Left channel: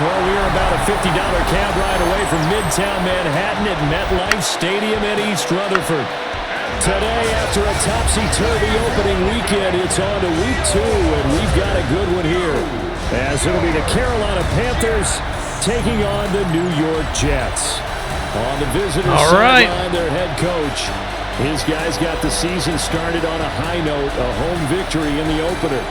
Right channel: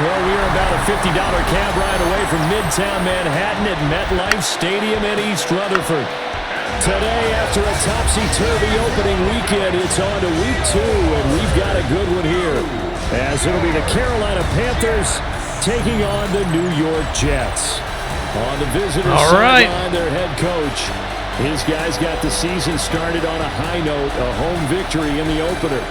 Well, we are about a $50 cab ride away from Midtown Manhattan at MetLife Stadium in East Rutherford. Today, after a topsy-turvy opening weekend, it's on to week 2, and we've got a good one here. As it'll be the Carolina Panthers taking on the New York Jets. On the visitors' sideline, their head coach. His guys got the season started on a high note, a home victory in the opener.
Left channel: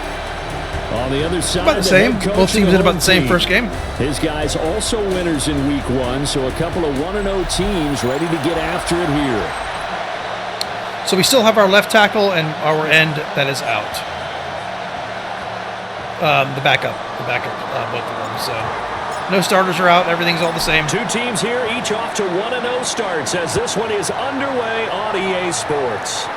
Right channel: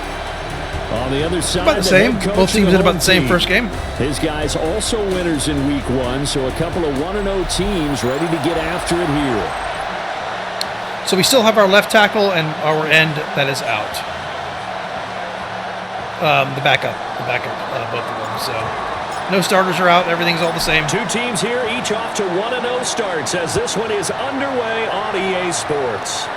On the other side, about the same. Both teams did about the same first game. His guys also winners in week 1, so a couple of 1-0 teams ready to get after it here. So we still have our left tackle and our end that is out. The backup, both of them. So no starters are out. Everything's all the same. 2 teams here, each off to 1-0 starts as this one is underway on EA Sports.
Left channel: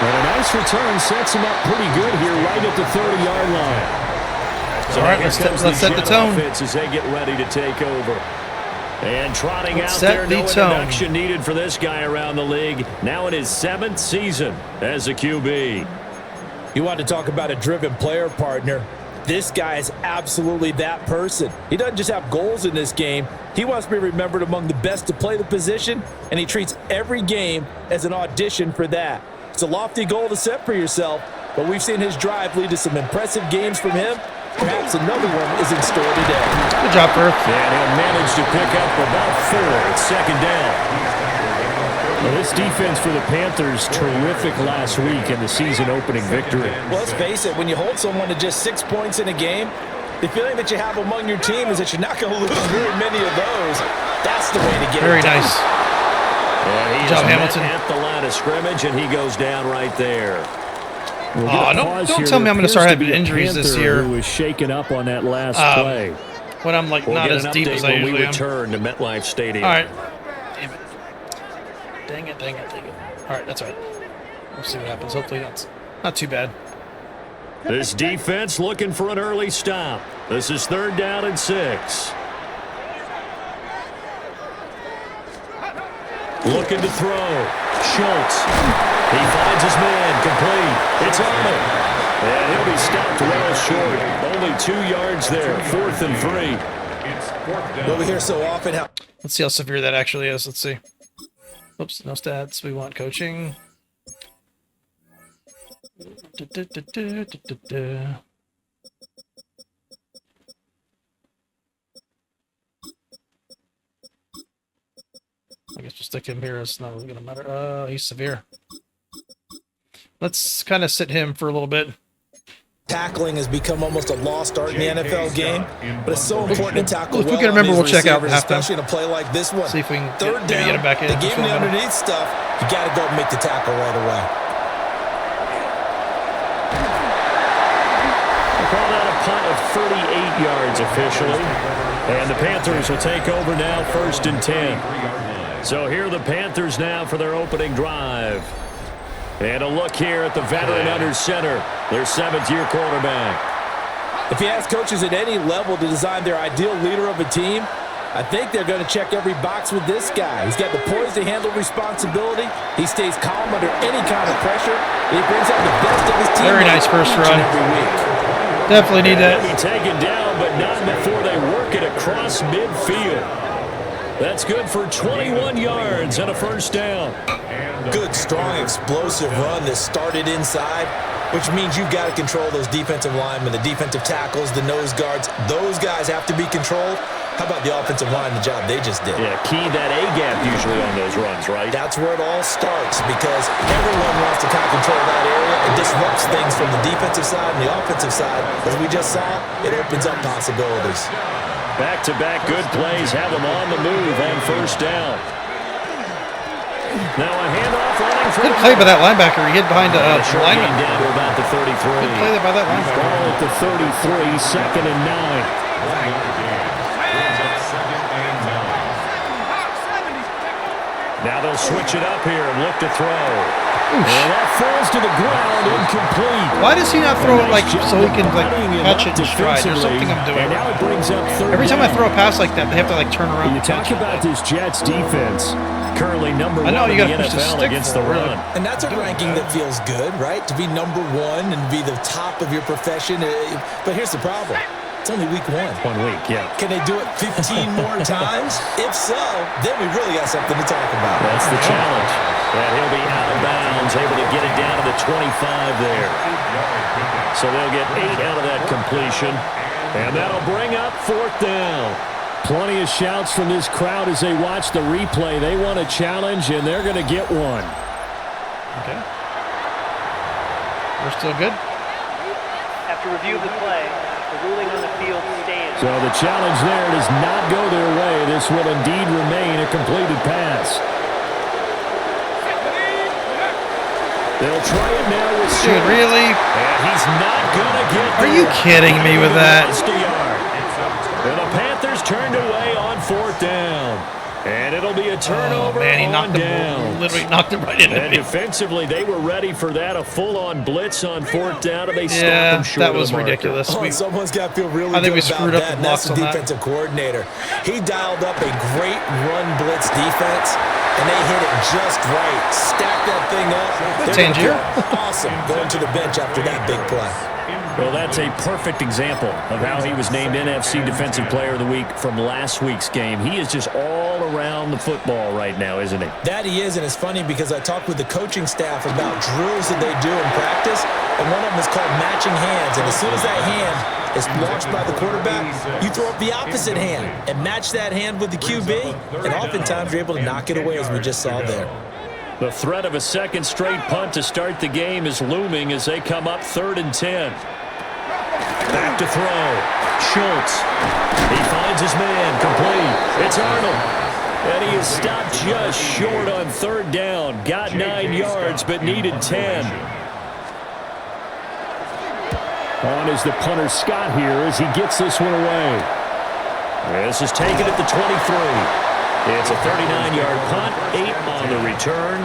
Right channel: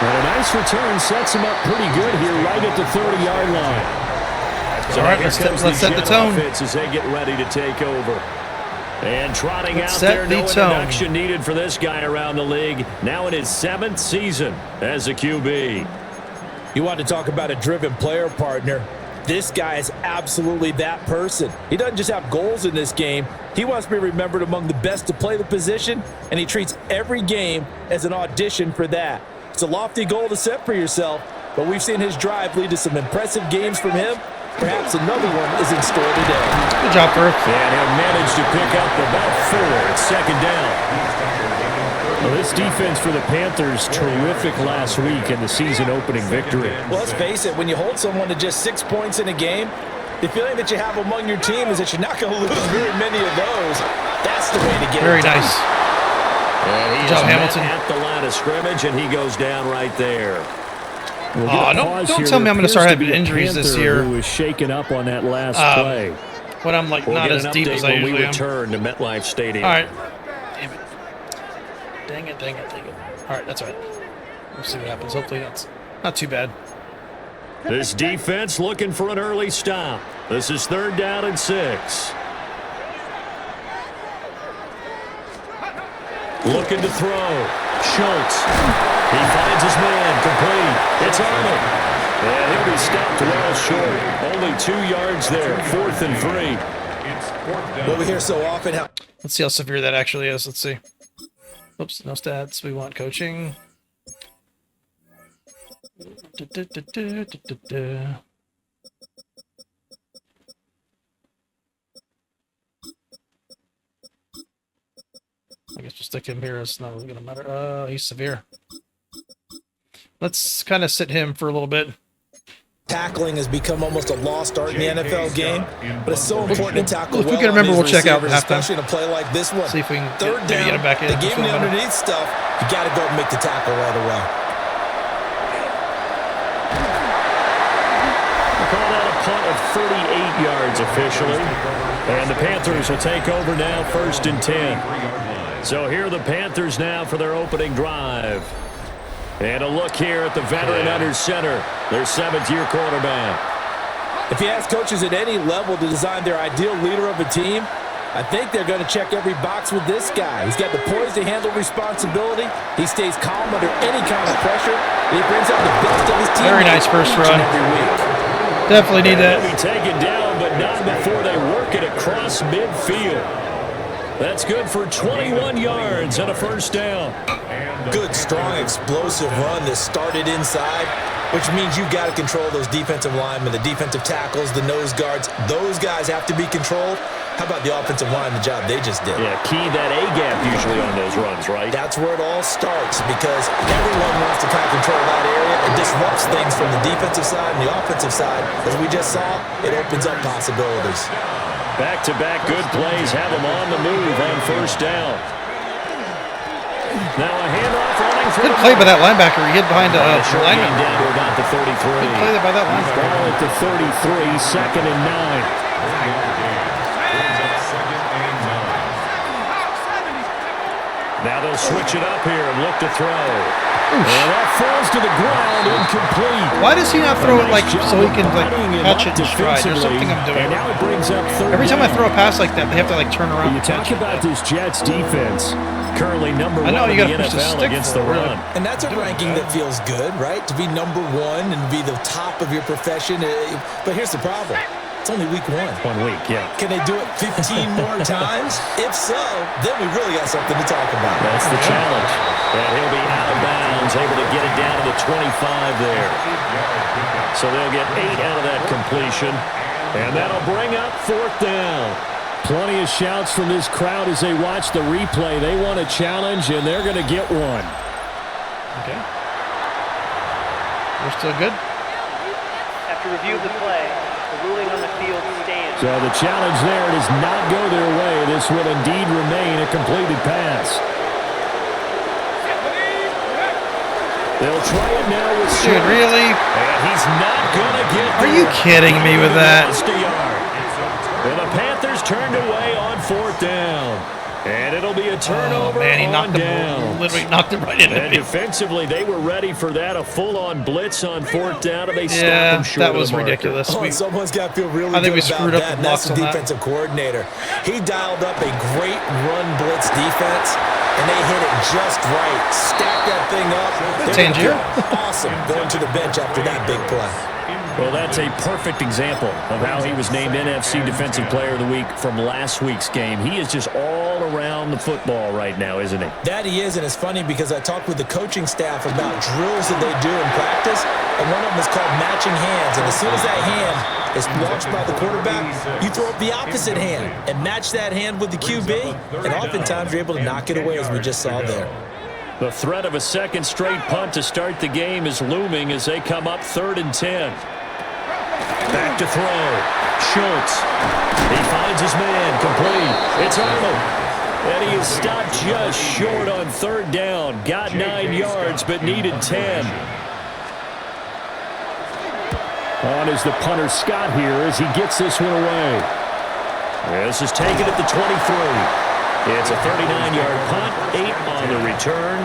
But a nice return sets him up pretty good here right at the 30-yard line. So all right, let's set the tone. As they get ready to take over. And trotting out there, no introduction needed for this guy around the league. Now in his 7th season as a QB. You want to talk about a driven player, partner. This guy is absolutely that person. He doesn't just have goals in this game. He wants to be remembered among the best to play the position, and he treats every game as an audition for that. It's a lofty goal to set for yourself, but we've seen his drive lead to some impressive games from him. Perhaps another one is in store today. Good job, Perth. And he'll manage to pick up about 4 at second down. Well, this defense for the Panthers, terrific last week in the season-opening victory. Well, let's face it, when you hold someone to just 6 points in a game, the feeling that you have among your team is that you're not going to lose very many of those. That's the way to get it Very done. nice. And he's Hamilton. at the line of scrimmage, and he goes down right there. Don't tell me I'm going to start having injuries this year. Who was shaken up on that last play. When I'm like not as deep as I usually am. When we return to MetLife Stadium. All right. Damn it. Dang it. All right, that's all right. We'll see what happens. Hopefully that's not too bad. This defense looking for an early stop. This is 3rd down and 6. Looking to throw. Schultz. He finds his man. Complete. It's Arnold. And he'll be stopped well short. Only 2 yards there. 4th and 3. What we hear so often. Let's see how severe that actually is. Let's see. Oops, no stats. We want coaching. I guess we'll stick him here. It's not really going to matter. He's severe. Let's kind of sit him for a little bit. Tackling has become almost a lost art in the NFL game, but it's so important to tackle well. If we can remember, we'll check out halftime. Especially in a play like this one. See if we can get him back in. They gave him the underneath stuff. You got to go and make the tackle right away. We'll call that a punt of 38 yards officially. And the Panthers will take over now, 1st and 10. So here are the Panthers now for their opening drive. And a look here at the veteran under center, their 7th-year quarterback. If you ask coaches at any level to design their ideal leader of a team, I think they're going to check every box with this guy. He's got the poise to handle responsibility. He stays calm under any kind of pressure. And he brings out the best of his team. Very nice first run. Every week. Definitely need that. He'll be taken down, but not before they work it across midfield. That's good for 21 yards and a 1st down. Good, strong, explosive run that started inside, which means you've got to control those defensive linemen, the defensive tackles, the nose guards. Those guys have to be controlled. How about the offensive line, the job they just did? Yeah, key that A-gap usually on those runs, right? That's where it all starts because everyone wants to kind of control that area. It disrupts things from the defensive side and the offensive side. As we just saw, it opens up possibilities. Back-to-back good plays have them on the move on 1st down. Now a handoff running through. Good play by that linebacker. He hid behind a lineman. Down to about the 33. Good play by that linebacker. Ball at the 33, 2nd and 9. Now they'll switch it up here and look to throw. And that falls to the ground, incomplete. Why does he not throw it like so he can like Bodying him catch up it in stride? There's something I'm doing. And now it brings up third Every time I down. throw a pass like that, they have to like turn around. You and talk catch about it. this Jets defense, currently number I know, one you in the gotta push the NFL stick against the forward. run. And that's a ranking that feels good, right? To be number one and be the top of your profession. But here's the problem. It's only week 1. 1 week, yeah. Can they do it 15 more times? If so, then we really got something to talk about. That's the challenge. And he'll be out of bounds, able to get it down to the 25 there. So they'll get 8 out of that completion. And that'll bring up 4th down. Plenty of shouts from this crowd as they watch the replay. They want a challenge, and they're going to get one. Okay. We're still good. After review of the play, the ruling on the field stands. So the challenge there does not go their way. This will indeed remain a completed pass. They'll try it now with Dude, Stewart. really? And he's not going to get Are there. you kidding me with that? Lost a yard. And the Panthers turned away on 4th down. And it'll be a turnover Oh, man, he on knocked down. literally knocked him right into And me. defensively, they were ready for that, a full-on blitz on 4th down, and they stopped Yeah, them short that was of the marker. ridiculous. Oh, someone's got to feel really I think good we about screwed up that. the And that's blocks the on that. defensive coordinator. He dialed up a great run blitz defense, and they hit it just right. Stacked that thing up. They're gonna Tangier. feel awesome going to the bench after that big play. Well, that's a perfect example of how he was named NFC Defensive Player of the Week from last week's game. He is just all around the football right now, isn't he? That he is, and it's funny because I talked with the coaching staff about drills that they do in practice, and one of them is called matching hands. And as soon as that hand is launched by the quarterback, you throw up the opposite hand and match that hand with the QB, and oftentimes you're able to knock it away, as we just saw there. The threat of a second straight punt to start the game is looming as they come up 3rd and 10. Back to throw. Schultz. He finds his man. Complete. It's Arnold. And he is stopped just short on 3rd down. Got 9 yards, but needed 10. On is the punter Scott here as he gets this one away. This is taken at the 23. It's a 39-yard punt, 8 on the return.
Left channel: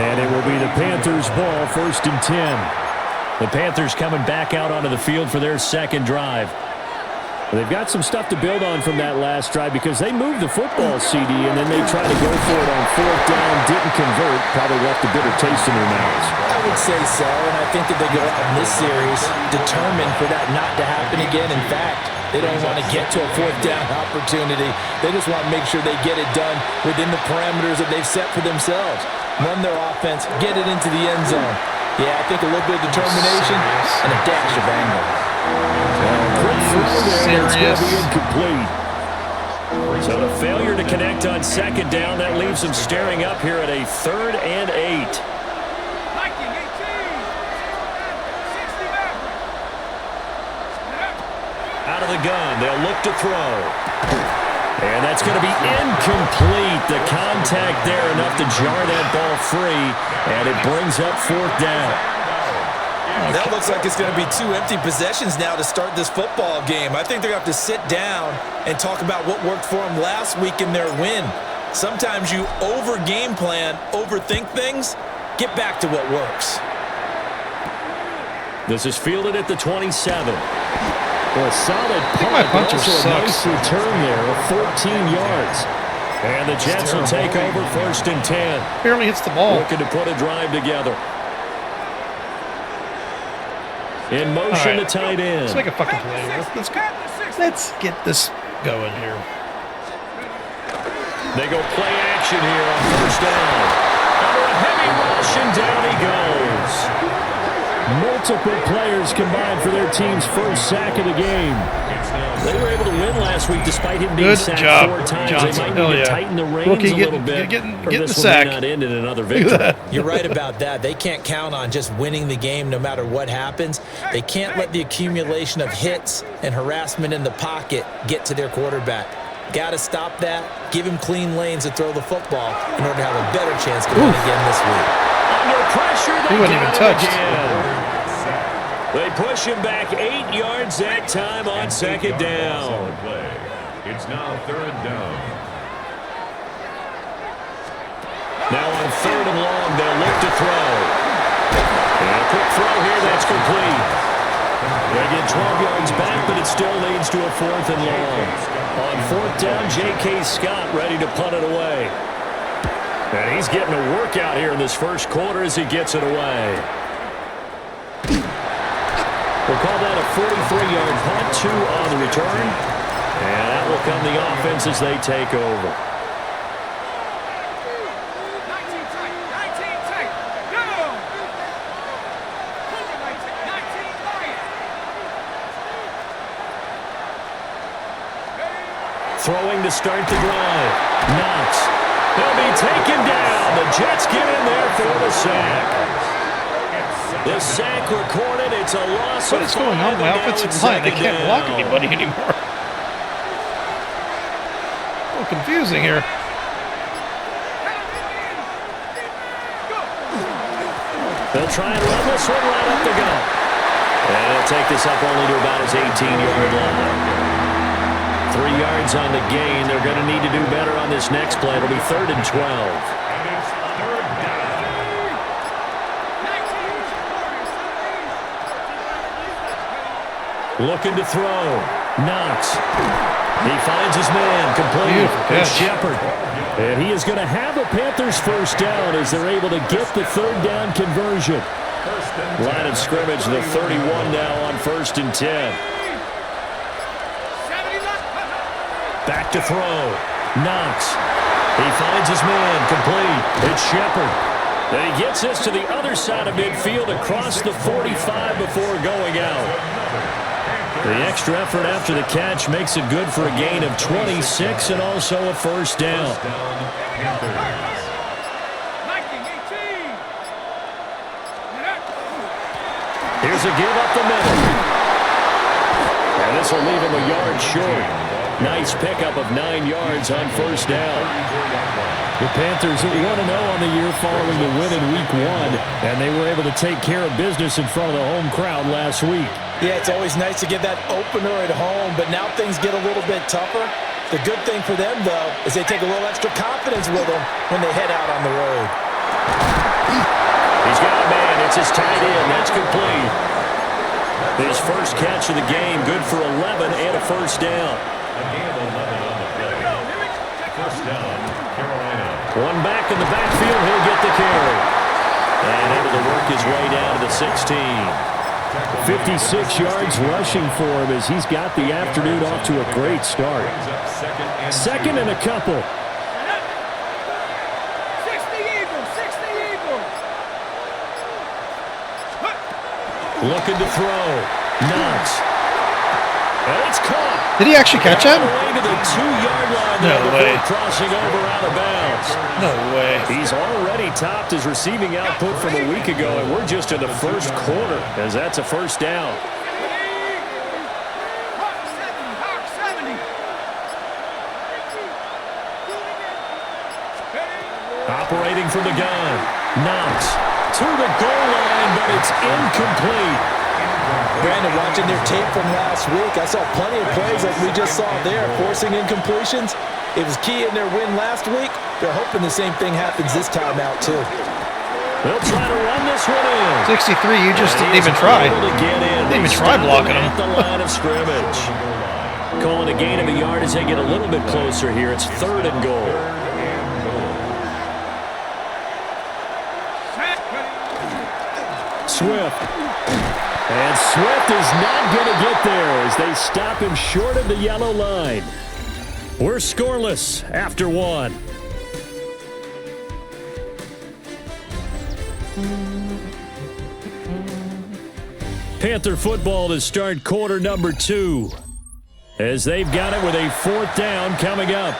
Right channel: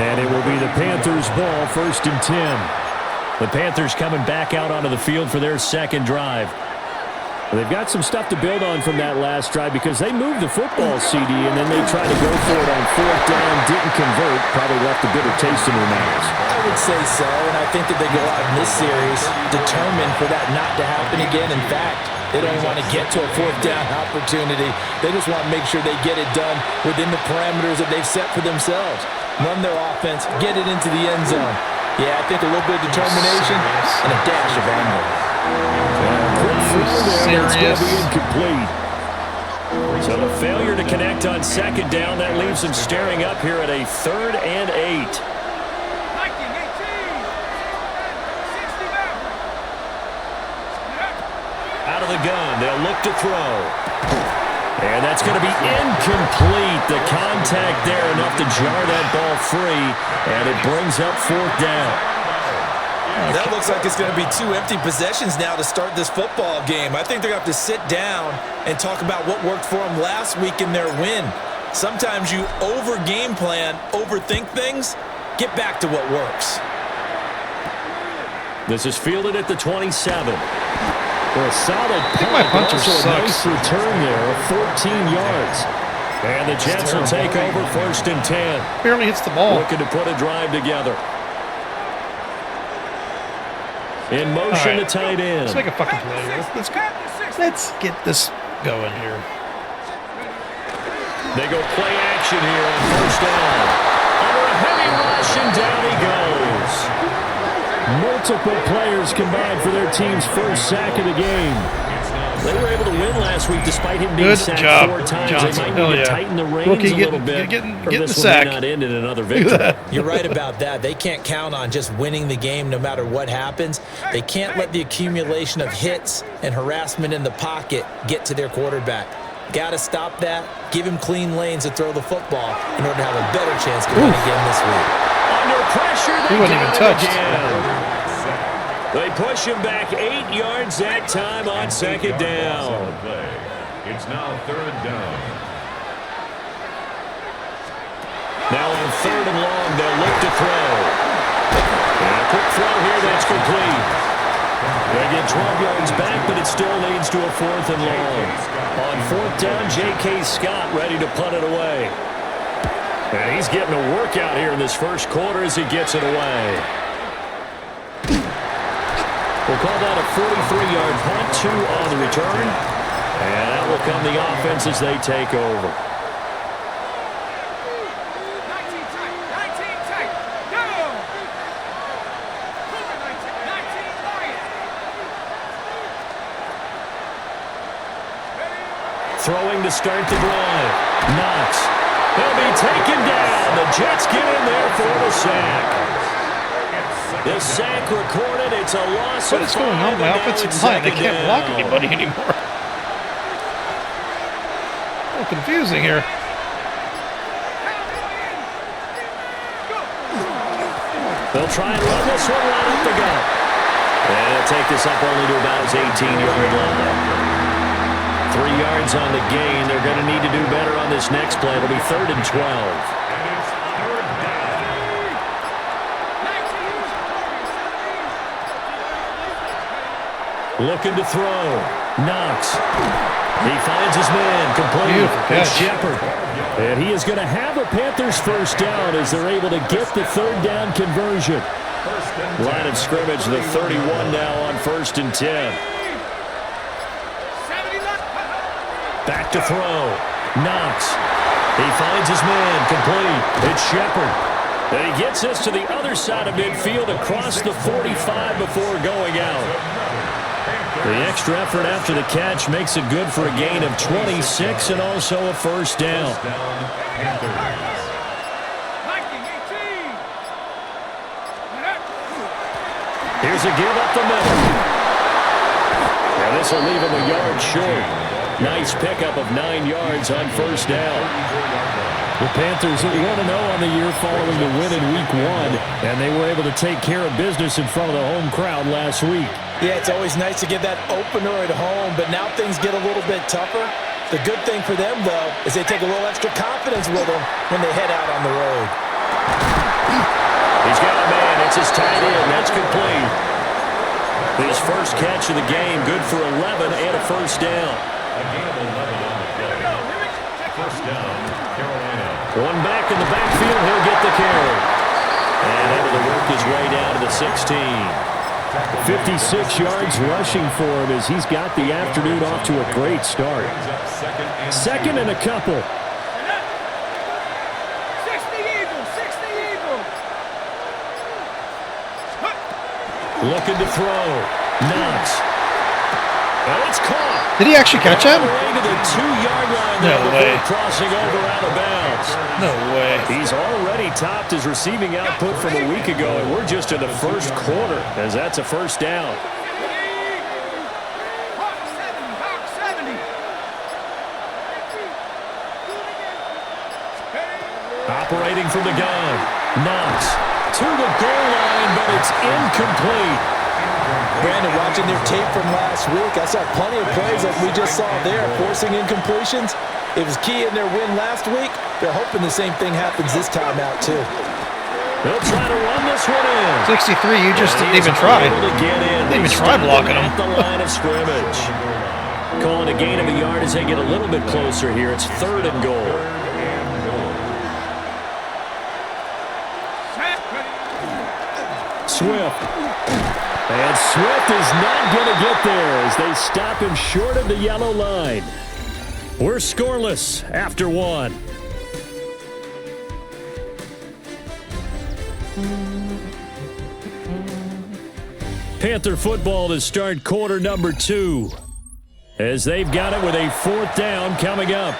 And it will be the Panthers' ball, 1st and 10. The Panthers coming back out onto the field for their second drive. They've got some stuff to build on from that last drive because they moved the football, CD, and then they tried to go for it on 4th down, didn't convert, probably left a bitter taste in their mouths. I would say so, and I think that they go out in this series determined for that not to happen again. In fact, they don't even want to get to a 4th down opportunity. They just want to make sure they get it done within the parameters that they've set for themselves. Run their offense, get it into the end zone. Yeah, I think a little bit of determination and a dash of anger. Quick throw there, but it's going to be Serious. incomplete. So the failure to connect on 2nd down, that leaves them staring up here at a 3rd and 8. Out of the gun, they'll look to throw. And that's going to be incomplete. The contact there enough to jar that ball free, and it brings up 4th down. That looks like it's going to be 2 empty possessions now to start this football game. I think they're going to have to sit down and talk about what worked for them last week in their win. Sometimes you over-game plan, overthink things. Get back to what works. This is fielded at the 27. For a solid punt, my but punter also a sucks. nice return there of 14 yards. And the Jets will take over 1st and 10. Barely hits the ball. Looking to put a drive together. In motion, All right. the tight end. Let's make a fucking play here. Let's get this going here. They go play action here on 1st down. Under a heavy rush, and down he goes. Multiple players combined for their team's first sack of the game. They were able to win last week despite him being Good sacked job, 4 times. Johnson. They might Hell need to yeah. tighten the reins Rookie a little bit. getting or the this sack. will not end in another victory. You're right about that. They can't count on just winning the game no matter what happens. They can't let the accumulation of hits and harassment in the pocket get to their quarterback. Got to stop that. Give him clean lanes to throw the football in order to have a better chance to win again this week. Under pressure, they He wasn't got even him touched. again. They push him back 8 yards that time on 2nd down. Play. It's now 3rd down. Now on 3rd and long, they'll look to throw. And a quick throw here, that's complete. They get 12 yards back, but it still leads to a 4th and long. On 4th down, J.K. Scott ready to punt it away. And he's getting a workout here in this first quarter as he gets it away. We'll call that a 43-yard punt, 2 on the return. And out will come the offense as they take over. 19 tight, 19 tight, go! 19 Lions. Throwing to start the drive. Knox. He'll be taken down. The Jets get in there for the sack. The sack recorded. It's a loss of 5. What is going on with my offensive line? They can't block anybody anymore. A little confusing here. They'll try and run this one right up the gut. And he'll take this up only to about his 18-yard line. 3 yards on the gain. They're going to need to do better on this next play. It'll be 3rd and 12. Looking to throw. Knox. He finds his man. Complete. It's Shepard. And he is going to have a Panthers first down as they're able to get the 3rd down conversion. Line of scrimmage, the 31 now on 1st and 10. Back to throw. Knox. He finds his man. Complete. It's Shepard. And he gets this to the other side of midfield across the 45 before going out. The extra effort after the catch makes it good for a gain of 26 and also a first down. Here's a give up the middle. And this will leave him a yard short. Nice pickup of 9 yards on first down. The Panthers at 1-0 on the year following the win in Week 1, and they were able to take care of business in front of the home crowd last week. Yeah, it's always nice to get that opener at home, but now things get a little bit tougher. The good thing for them, though, is they take a little extra confidence with them when they head out on the road. He's got a man. It's his tight end. That's complete. His first catch of the game, good for 11 and a first down. A gain of 11 on the play. First down, Carolina. One back in the backfield. He'll get the carry. And able to work his way down to the 16. 56 yards rushing for him as he's got the afternoon off to a great start. Second and a couple. 60 Eagles, 60 Eagles. Looking to throw. Knox. And it's caught. Did he actually catch that? Away to the 2-yard line No there way. before crossing over out of bounds. No way. He's already topped his receiving output from a week ago, and we're just in the first quarter as that's a first down. Hawk 70. Operating from the gun. Knox to the goal line, but it's incomplete. Brandon, watching their tape from last week, I saw plenty of plays like we just saw there, forcing incompletions. It was key in their win last week. They're hoping the same thing happens this time out, too. They'll try to run this one in. 63, you just didn't even try. Didn't even try blocking him. At the line of scrimmage. Calling a gain of a yard as they get a little bit closer here. It's 3rd and goal. Swift. And Swift is not going to get there as they stop him short of the yellow line. We're scoreless after 1. Panther football to start quarter number 2 as they've got it with a 4th down coming up.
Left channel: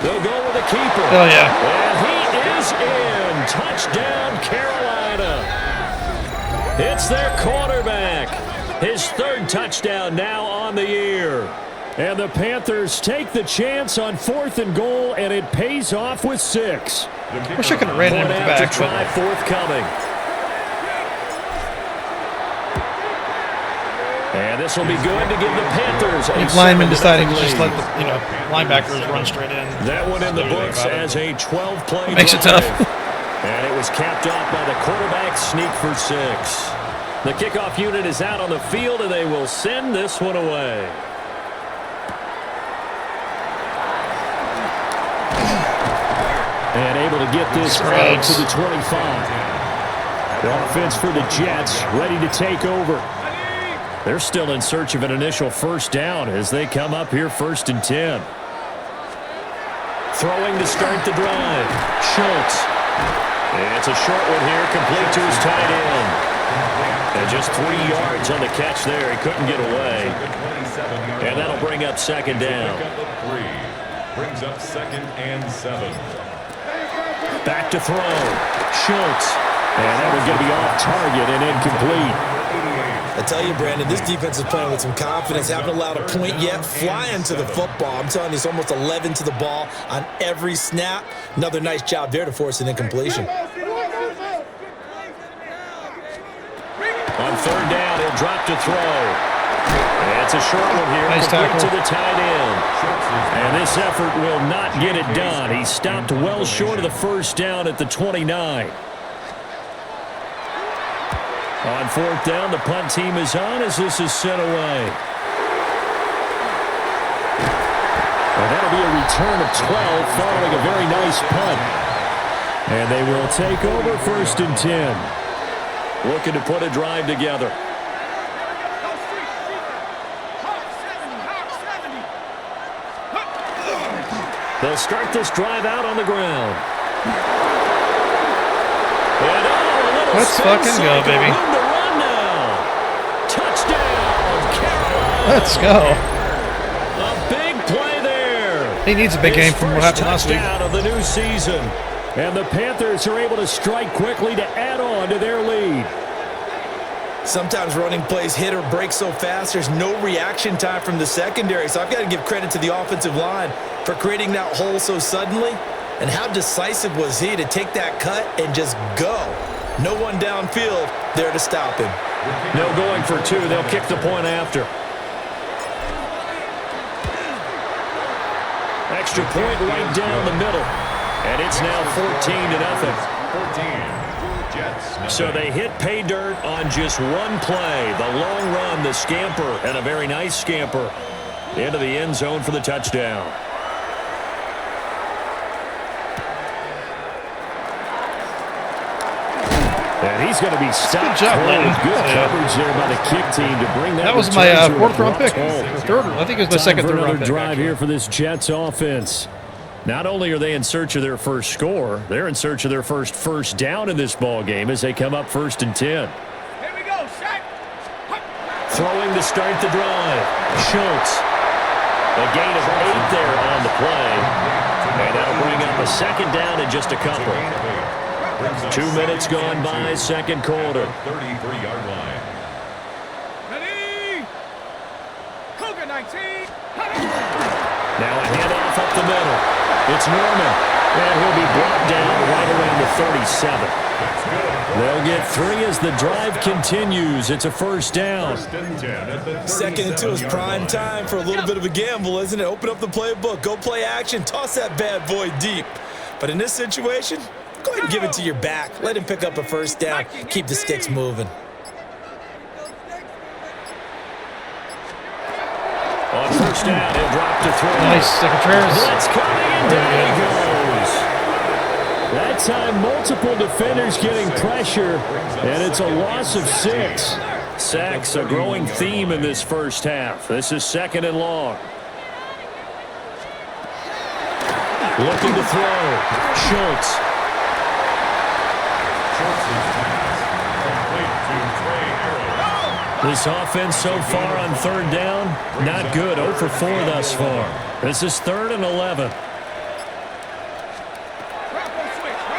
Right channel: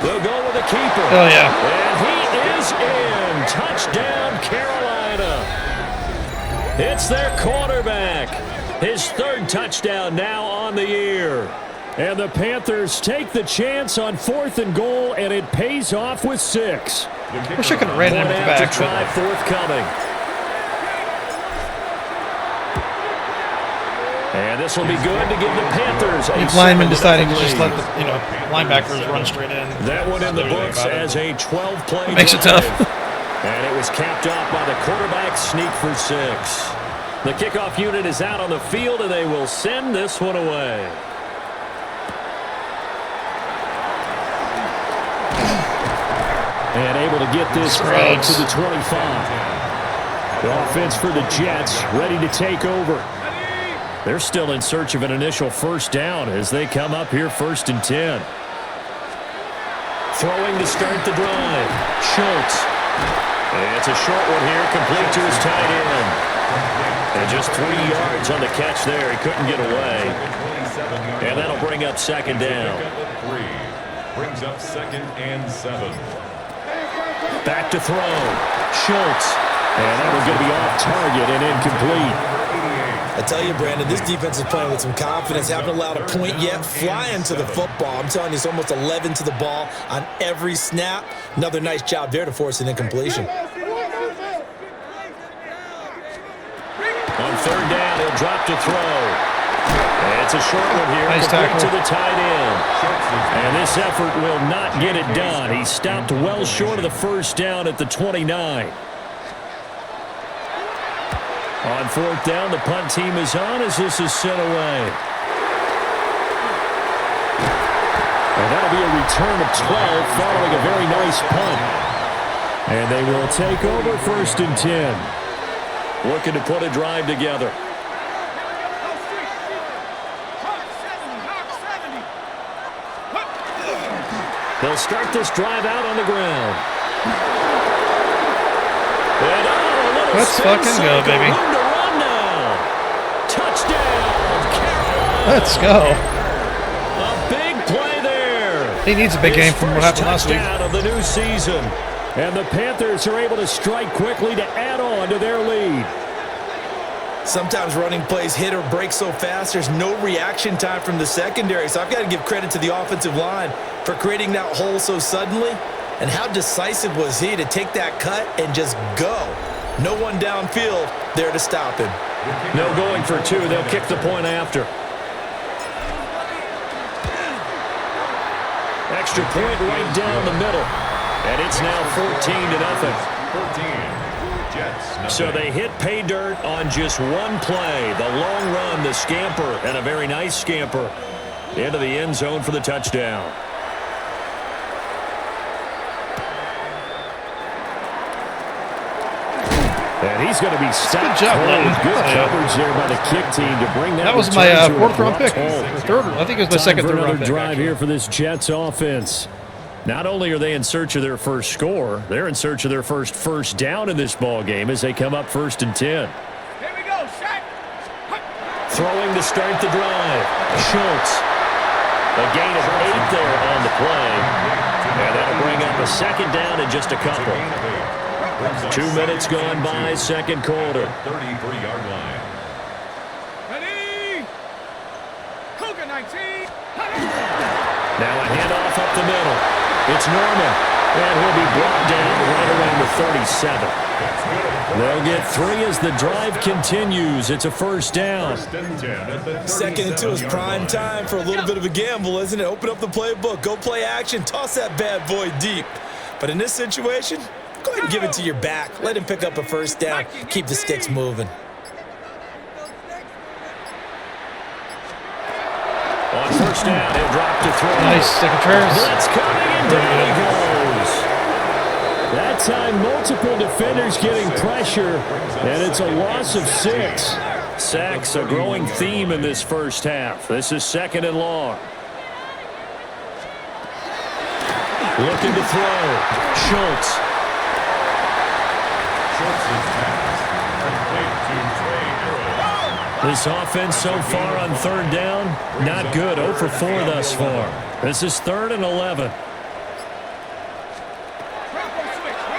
They'll go with the keeper. Oh, yeah. And he is in. Touchdown, Carolina. It's their quarterback. His 3rd touchdown now on the year. And the Panthers take the chance on 4th and goal, and it pays off with 6. Wish I could have ran him at the back. Try forthcoming. And this will be good to give the Panthers a If linemen 7-0 deciding to just lead. let the linebackers run straight in. That one in the books as a 12-play Makes it drive. tough. And it was capped off by the quarterback sneak for 6. The kickoff unit is out on the field, and they will send this one away. And able to get this out to the 25. The offense for the Jets ready to take over. They're still in search of an initial first down as they come up here 1st and 10. Throwing to start the drive. Schultz. It's a short one here, complete to his tight end. And just 3 yards on the catch there. He couldn't get away. And that'll bring up 2nd down. Brings up 2nd and 7. Back to throw. Schultz. And that one's going to be off target and incomplete. I tell you, Brandon, this defense is playing with some confidence. Haven't allowed a point yet. Flying to the football. I'm telling you, it's almost 11 to the ball on every snap. Another nice job there to force an incompletion. On 3rd down, he'll drop to throw. It's a short one here. Nice tackle. To the tight end. And this effort will not get it done. He stopped well short of the first down at the 29. On 4th down, the punt team is on as this is sent away. And that'll be a return of 12 following a very nice punt. And they will take over 1st and 10. Looking to put a drive together. They'll start this drive out on the ground. And a little Let's spin fucking go, cycle. baby. Room to run now. Touchdown, Carolina. Let's go. A big play there. He needs a big game from what happened last week. Touchdown of the new season. And the Panthers are able to strike quickly to add on to their lead. Sometimes running plays hit or break so fast, there's no reaction time from the secondary. So I've got to give credit to the offensive line for creating that hole so suddenly. And how decisive was he to take that cut and just go? No one downfield there to stop him. No going for 2. They'll kick the point after. Extra point right down the middle. And it's now 14-0. 14. Jets. So they hit pay dirt on just one play. The long run, the scamper, and a very nice scamper into the end zone for the touchdown. And he's going to be stopped. Good job, Lennon. Good Oh, yeah. coverage there by the kick team to bring that. That was return my to a 4th round abrupt pick. halt. Or 3rd. I think it was my Time 2nd, for 3rd another round pick. drive Actually. here for this Jets offense. Not only are they in search of their first score, they're in search of their first down in this ball game as they come up 1st and 10. Here we go, Shaq. Throwing to start the drive. Schultz. A gain of 8 there on the play. And that'll bring up a 2nd down in just a couple. 2 minutes gone by, 2nd quarter. 33-yard line. Ready? Cougar 19. Now a handoff up the middle. It's Norman. And he'll be brought down right around the 37. They'll get 3 as the drive continues. It's a 1st down. 2nd and 2 is prime time for a little bit of a gamble, isn't it? Open up the playbook, go play action, toss that bad boy deep. But in this situation, go ahead and give it to your back. Let him pick up a 1st down. Keep the sticks moving. On 1st down, he'll drop to throw. Nice, Secretaries. Blitz coming, and down he goes. That time, multiple defenders getting pressure, and it's a loss of 6. Sacks, a growing theme in this first half. This is 2nd and long. Looking to throw. Schultz. Schultz's pass. Complete to Trey Arrow. This offense so far on 3rd down, not good. 0 for 4 thus far. This is 3rd and 11.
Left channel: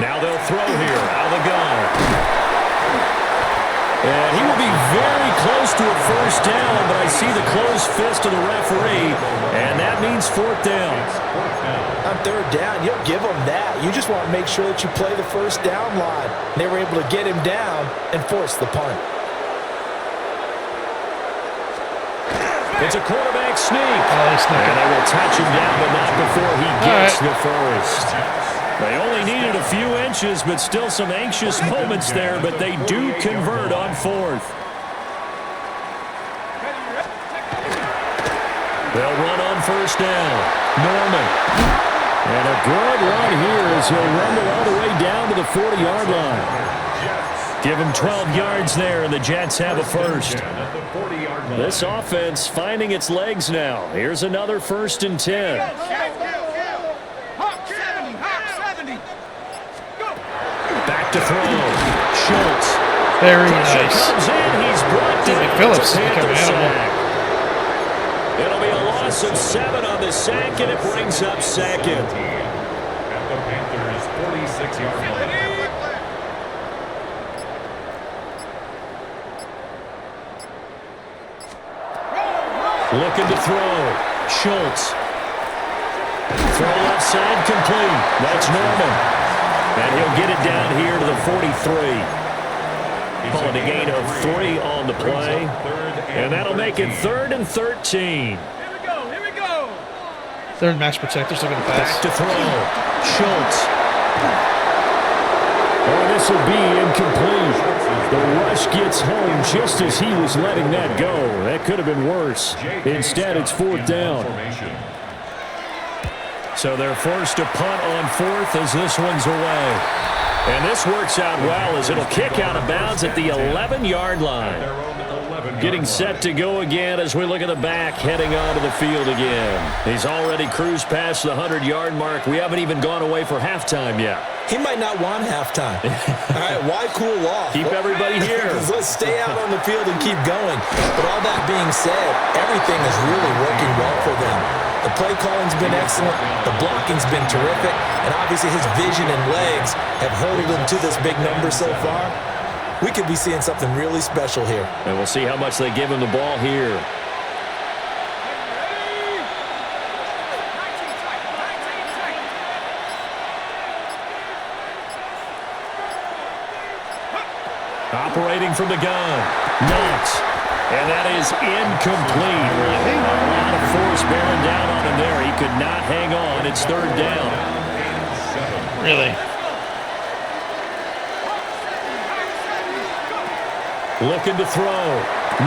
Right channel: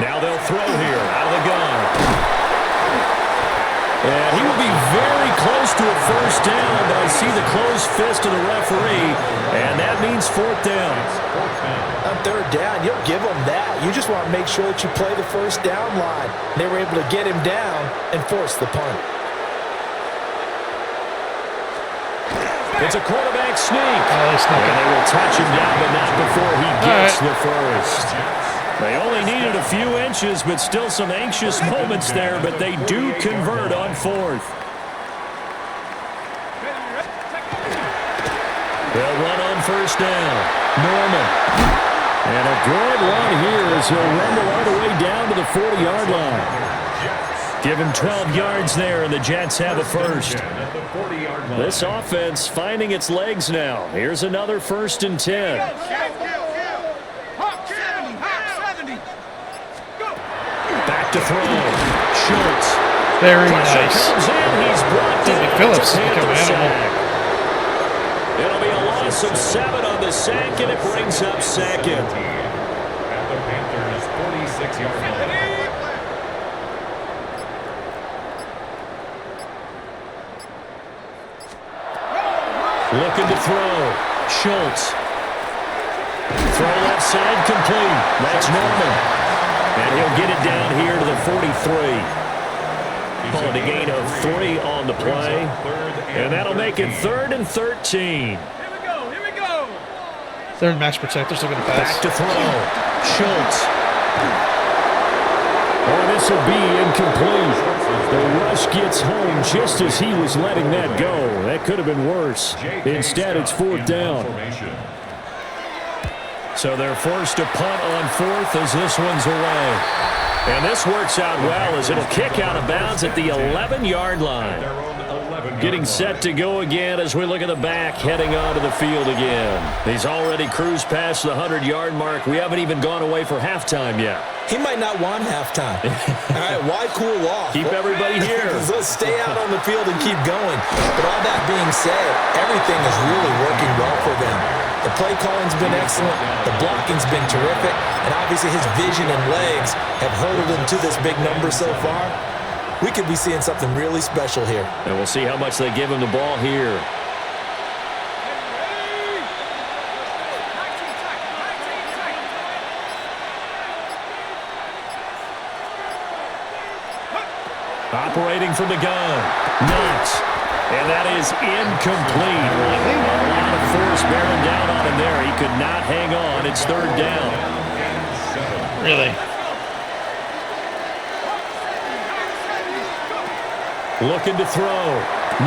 Now they'll throw here out of the gun. And he will be very close to a 1st down, but I see the closed fist of the referee, and that means 4th down. On 3rd down, you'll give them that. You just want to make sure that you play the 1st down line. They were able to get him down and force the punt. It's a quarterback sneak. Oh, they snuck And it. they will touch him down, but not before he gets the first. They only needed a few inches, but still some anxious moments there, but they do convert on fourth. They'll run on first down. Norman. And a good run here as he'll rumble all the way down to the 40-yard line. Give him 12 yards there, and the Jets have a first. This offense finding its legs now. Here's another 1st and 10. Back to throw. Schultz. Very Pressure nice. comes in. He's blocked it. Phillips It's a become an Panther animal. sack. It'll be a loss of 7 on the sack, and it brings up second. At the Panthers' 46-yard line. Looking to throw. Schultz. Throw left side complete. That's Norman. And he'll get it down here to the 43. Call it a gain of 3 on the play. And that'll make it 3rd and 13. Here we go. They're in max protect. They're still going to pass. Back to throw. Schultz. Oh, this will be incomplete. The rush gets home just as he was letting that go. That could have been worse. Instead, it's 4th down. So they're forced to punt on 4th as this one's away. And this works out well as it'll kick out of bounds at the 11-yard line. Getting set to go again as we look at the back heading onto the field again. He's already cruised past the 100-yard mark. We haven't even gone away for halftime yet. He might not want halftime. All right, why cool off? Keep everybody here. Let's stay out on the field and keep going. But all that being said, everything is really working well for them. The play calling's been excellent. The blocking's been terrific. And obviously his vision and legs have hurdled him to this big number so far. We could be seeing something really special here. And we'll see how much they give him the ball here. Operating from the gun. Knox. And that is incomplete. A lot of force bearing down on him there. He could not hang on. It's 3rd down. Really? Looking to throw.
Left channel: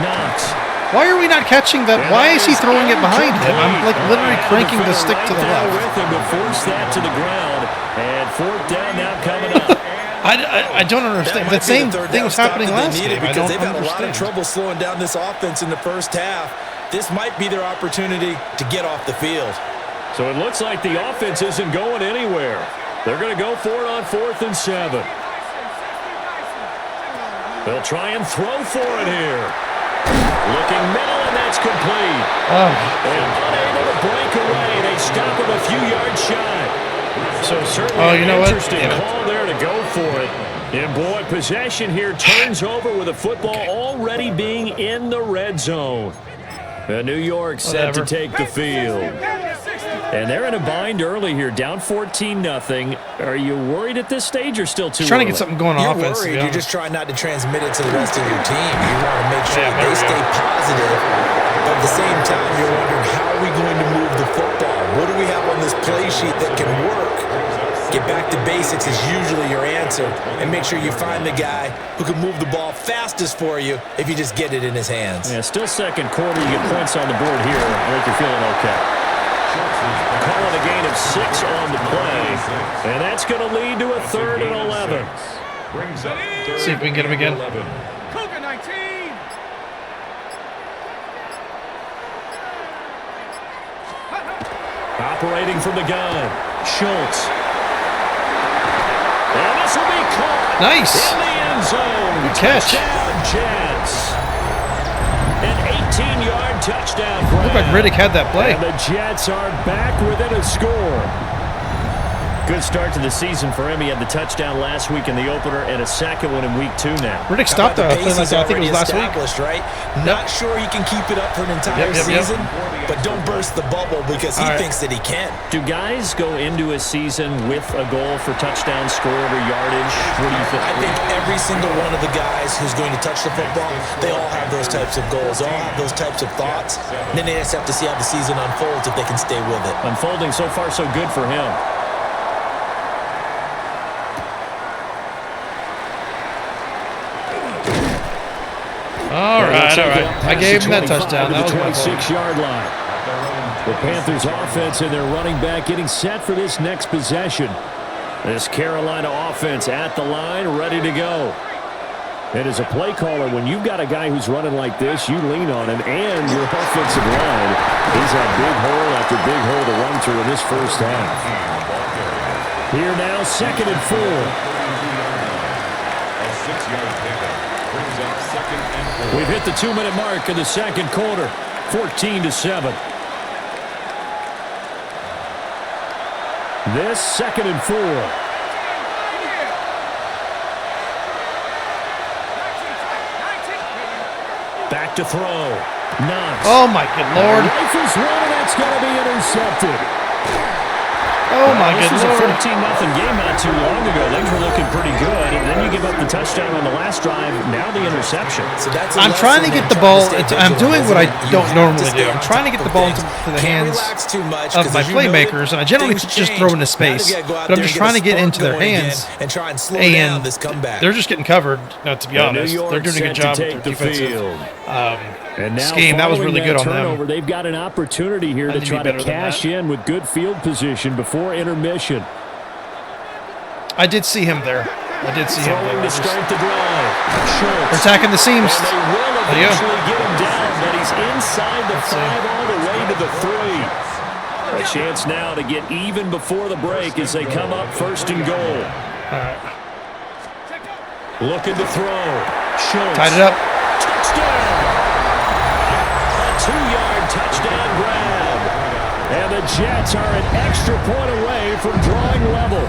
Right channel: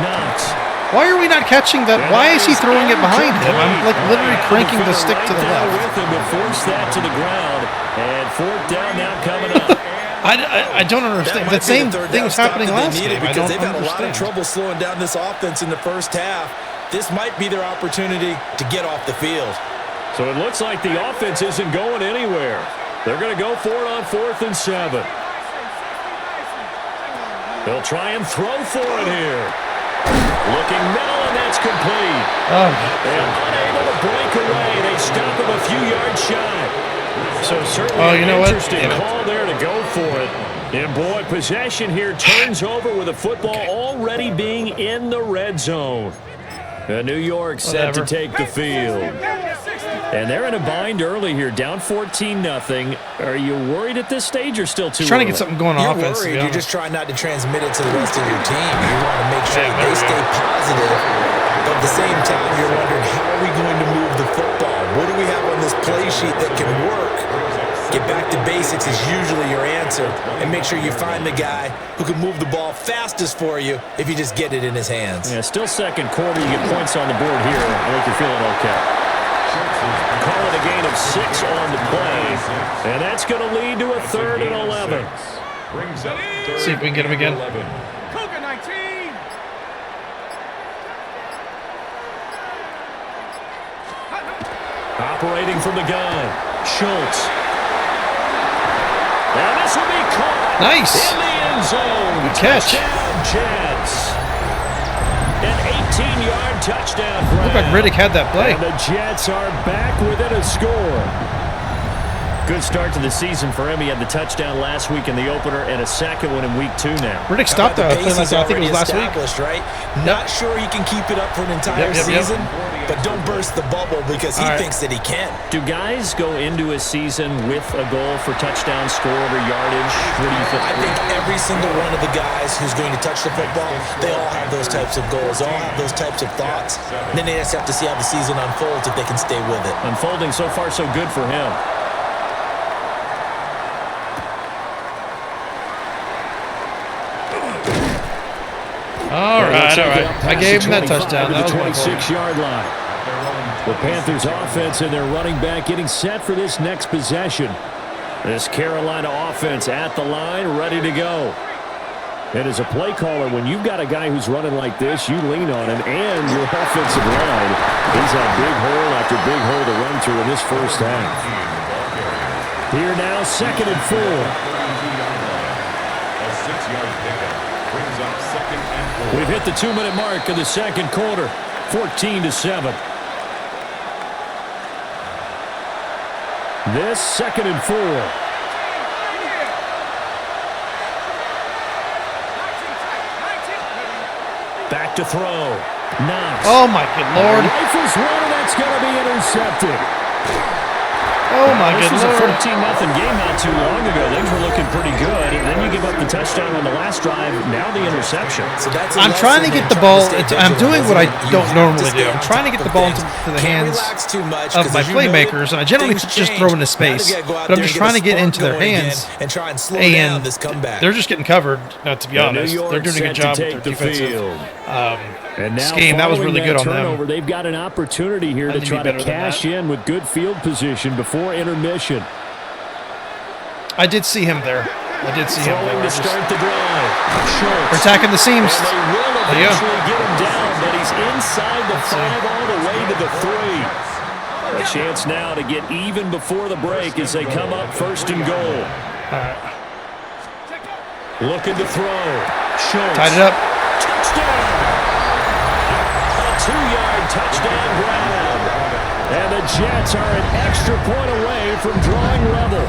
Knox. Why are we not catching that? Why is he throwing it behind him? I'm like literally cranking the stick to the left. With him to force that to the ground. And 4th down now coming up. I don't understand. The same thing was happening last game. I don't They've had a lot of understand. trouble slowing down this offense in the first half. This might be their opportunity to get off the field. So it looks like the offense isn't going anywhere. They're going to go for it on 4th and 7. They'll try and throw for it here. Looking middle, and that's complete. And unable to break away. They stop him a few yards shy. So certainly you know an what? interesting call there to go for it. And boy, possession here turns over with the football already being in the red zone. And New York set to take the field. And they're in a bind early here, down 14-0. Are you worried at this stage or still too Trying early? to get something going on You're offense. worried. You're just trying not to transmit it to the rest of your team. You want to make sure that they stay positive. But at the same time, you're wondering, how are we going to move the football? What do we have on this play sheet that can work? Get back to basics is usually your answer. And make sure you find the guy who can move the ball fastest for you if you just get it in his hands. Yeah, still 2nd quarter. You get points on the board here. I think you're feeling okay. Call it a gain of 6 on the play. And that's going to lead to a 3rd and 11. See if we can get him again. Cougar 19. Operating from the gun. Schultz. And this will be caught. Nice. In the end zone. Good catch. Touchdown, Jets. An 18-yard touchdown grab. Looked like Riddick had that play. And the Jets are back within a score. Good start to the season for him. He had the touchdown last week in the opener and a second one in week 2 now. Riddick stopped the play like that. I think it was last week. Right? Not sure he can keep it up for an entire season, but don't burst the bubble because he thinks that he can. Do guys go into a season with a goal for touchdown scored or yardage? What do you think? I think every single one of the guys who's going to touch the football, they all have those types of goals. They all have those types of thoughts. And then they just have to see how the season unfolds if they can stay with it. Unfolding so far so good for him. All right. I gave him that touchdown. That was the 26-yard line. The Panthers offense and their running back getting set for this next possession. This Carolina offense at the line, ready to go. And as a play caller, when you've got a guy who's running like this, you lean on him and your offensive line. He's had big hole after big hole to run through in this first half. Here now, 2nd and 4. A 6-yard pickup brings up 2nd and 4. We've hit the 2-minute mark in the second quarter, 14-7. This 2nd and 4. Back to throw. Knox. Oh, my good Lord. Rifles one, and that's going to be intercepted. Oh, my good This was Lord. a 14-0 game not too long ago. Things were looking pretty good, and then you give up the touchdown on the last drive. Now the interception. So that's I'm trying to get the ball. I'm doing what I don't normally do. I'm trying to get the ball into the hands of my playmakers, and I generally just throw into space. But I'm just trying to get into their hands, and try and slow and down this comeback. they're just getting covered. To be honest, they're doing a good job with their defensive scheme. That was really good on them. They've got an opportunity here to try to cash in with good field position before intermission. I did see him there. Throwing to start the drive. Schultz. They're attacking the seams. And they will eventually get him down, but he's inside the 5 all the way to the 3. A chance now to get even before the break as they come up 1st and goal. All right. Looking to throw. Schultz. Tied it up. Touchdown. A 2-yard touchdown grab. And the Jets are an extra point away from drawing level.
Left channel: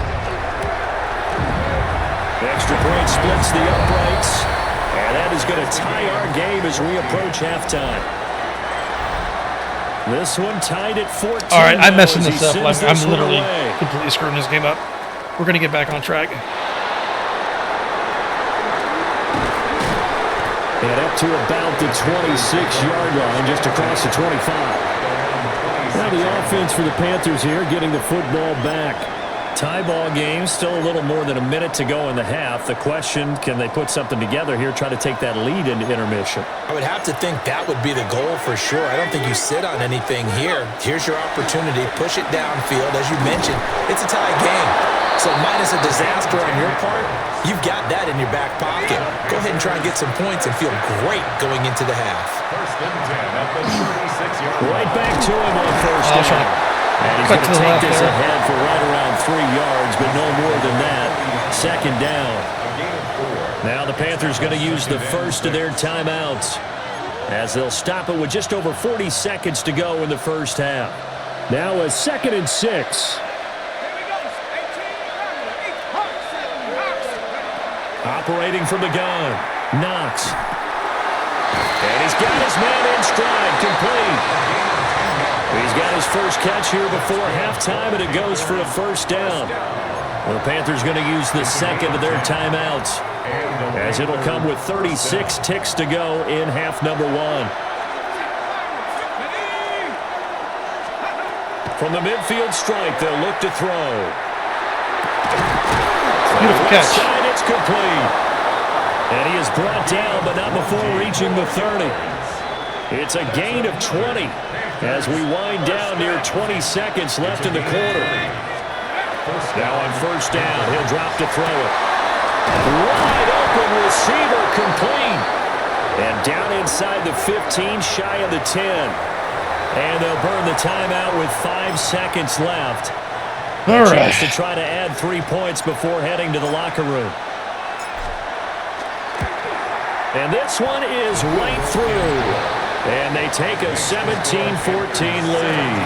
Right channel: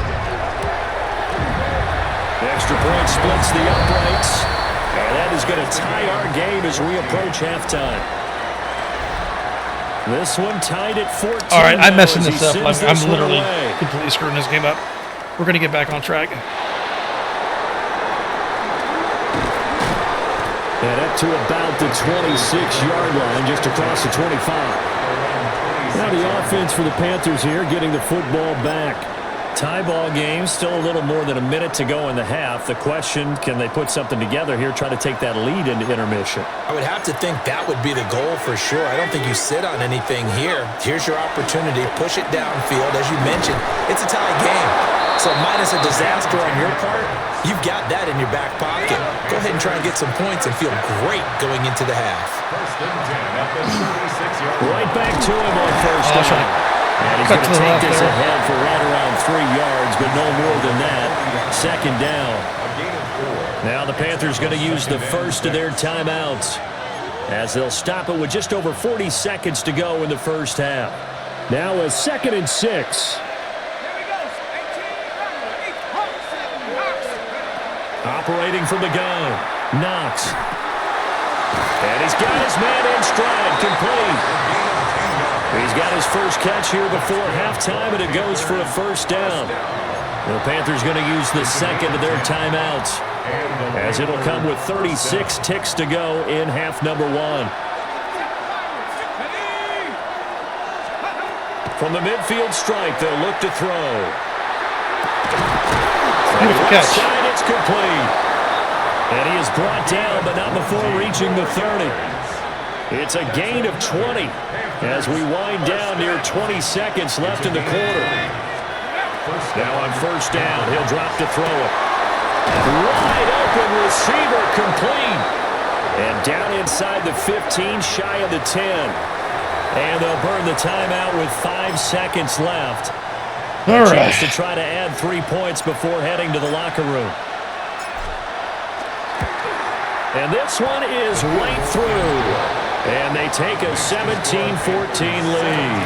The extra point splits the uprights. And that is going to tie our game as we approach halftime. This one tied at 14. All right, I'm messing this up. I'm literally completely screwing this game up. We're going to get back on track. And up to about the 26-yard line, just across the 25. Now the offense for the Panthers here, getting the football back. Tie ball game, still a little more than a minute to go in the half. The question, can they put something together here, try to take that lead into intermission? I would have to think that would be the goal for sure. I don't think you sit on anything here. Here's your opportunity. Push it downfield. As you mentioned, it's a tie game. So minus a disaster on your part, you've got that in your back pocket. Go ahead and try and get some points and feel great going into the half. 1st and 10 at the 36-yard line. Right back to him on 1st down. And he's going to take this ahead for right around 3 yards, but no more than that. 2nd down. Now the Panthers going to use the first of their timeouts as they'll stop it with just over 40 seconds to go in the first half. Now a 2nd and 6. Operating from the gun. Knox. And he's got his man in stride, complete. He's got his first catch here before halftime, and it goes for a 1st down. The Panthers going to use the 2nd of their timeouts, as it'll come with 36 ticks to go in half number 1. From the midfield stripe, they'll look to throw. Beautiful catch. Side, it's complete. And he is brought down, but not before reaching the 30. It's a gain of 20 as we wind down near 20 seconds left in the quarter. Now on 1st down, he'll drop to throw it. Wide open receiver, complete. And down inside the 15, shy of the 10. And they'll burn the timeout with 5 seconds left. All right. Chance to try to add 3 points before heading to the locker room. And this one is right through. And they take a 17-14 lead.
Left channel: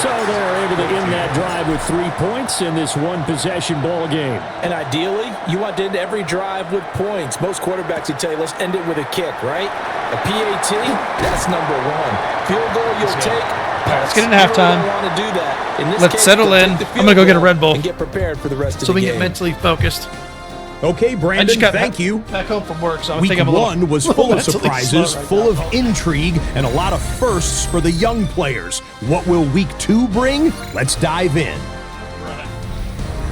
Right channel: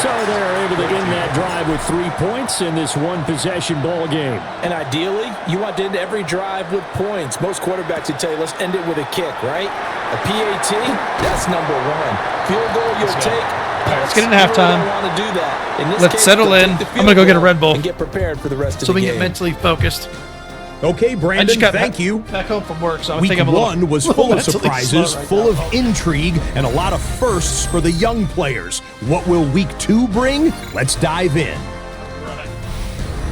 So they're able to end that drive with 3 points in this one-possession ball game. And ideally, you want to end every drive with points. Most quarterbacks would tell you, let's end it with a kick, right? A PAT, that's number one. Field goal you'll take. All right, let's get into halftime. Want to do that. In this Let's case, settle in. I'm going to go get a Red Bull. And get prepared for the rest of so the we game. can get mentally focused. Okay, Brandon, thank you. Back home from work, so I Week think I'm a little, one was full of surprises, full of intrigue, and a lot of firsts for the young players. What will week 2 bring? Let's dive in.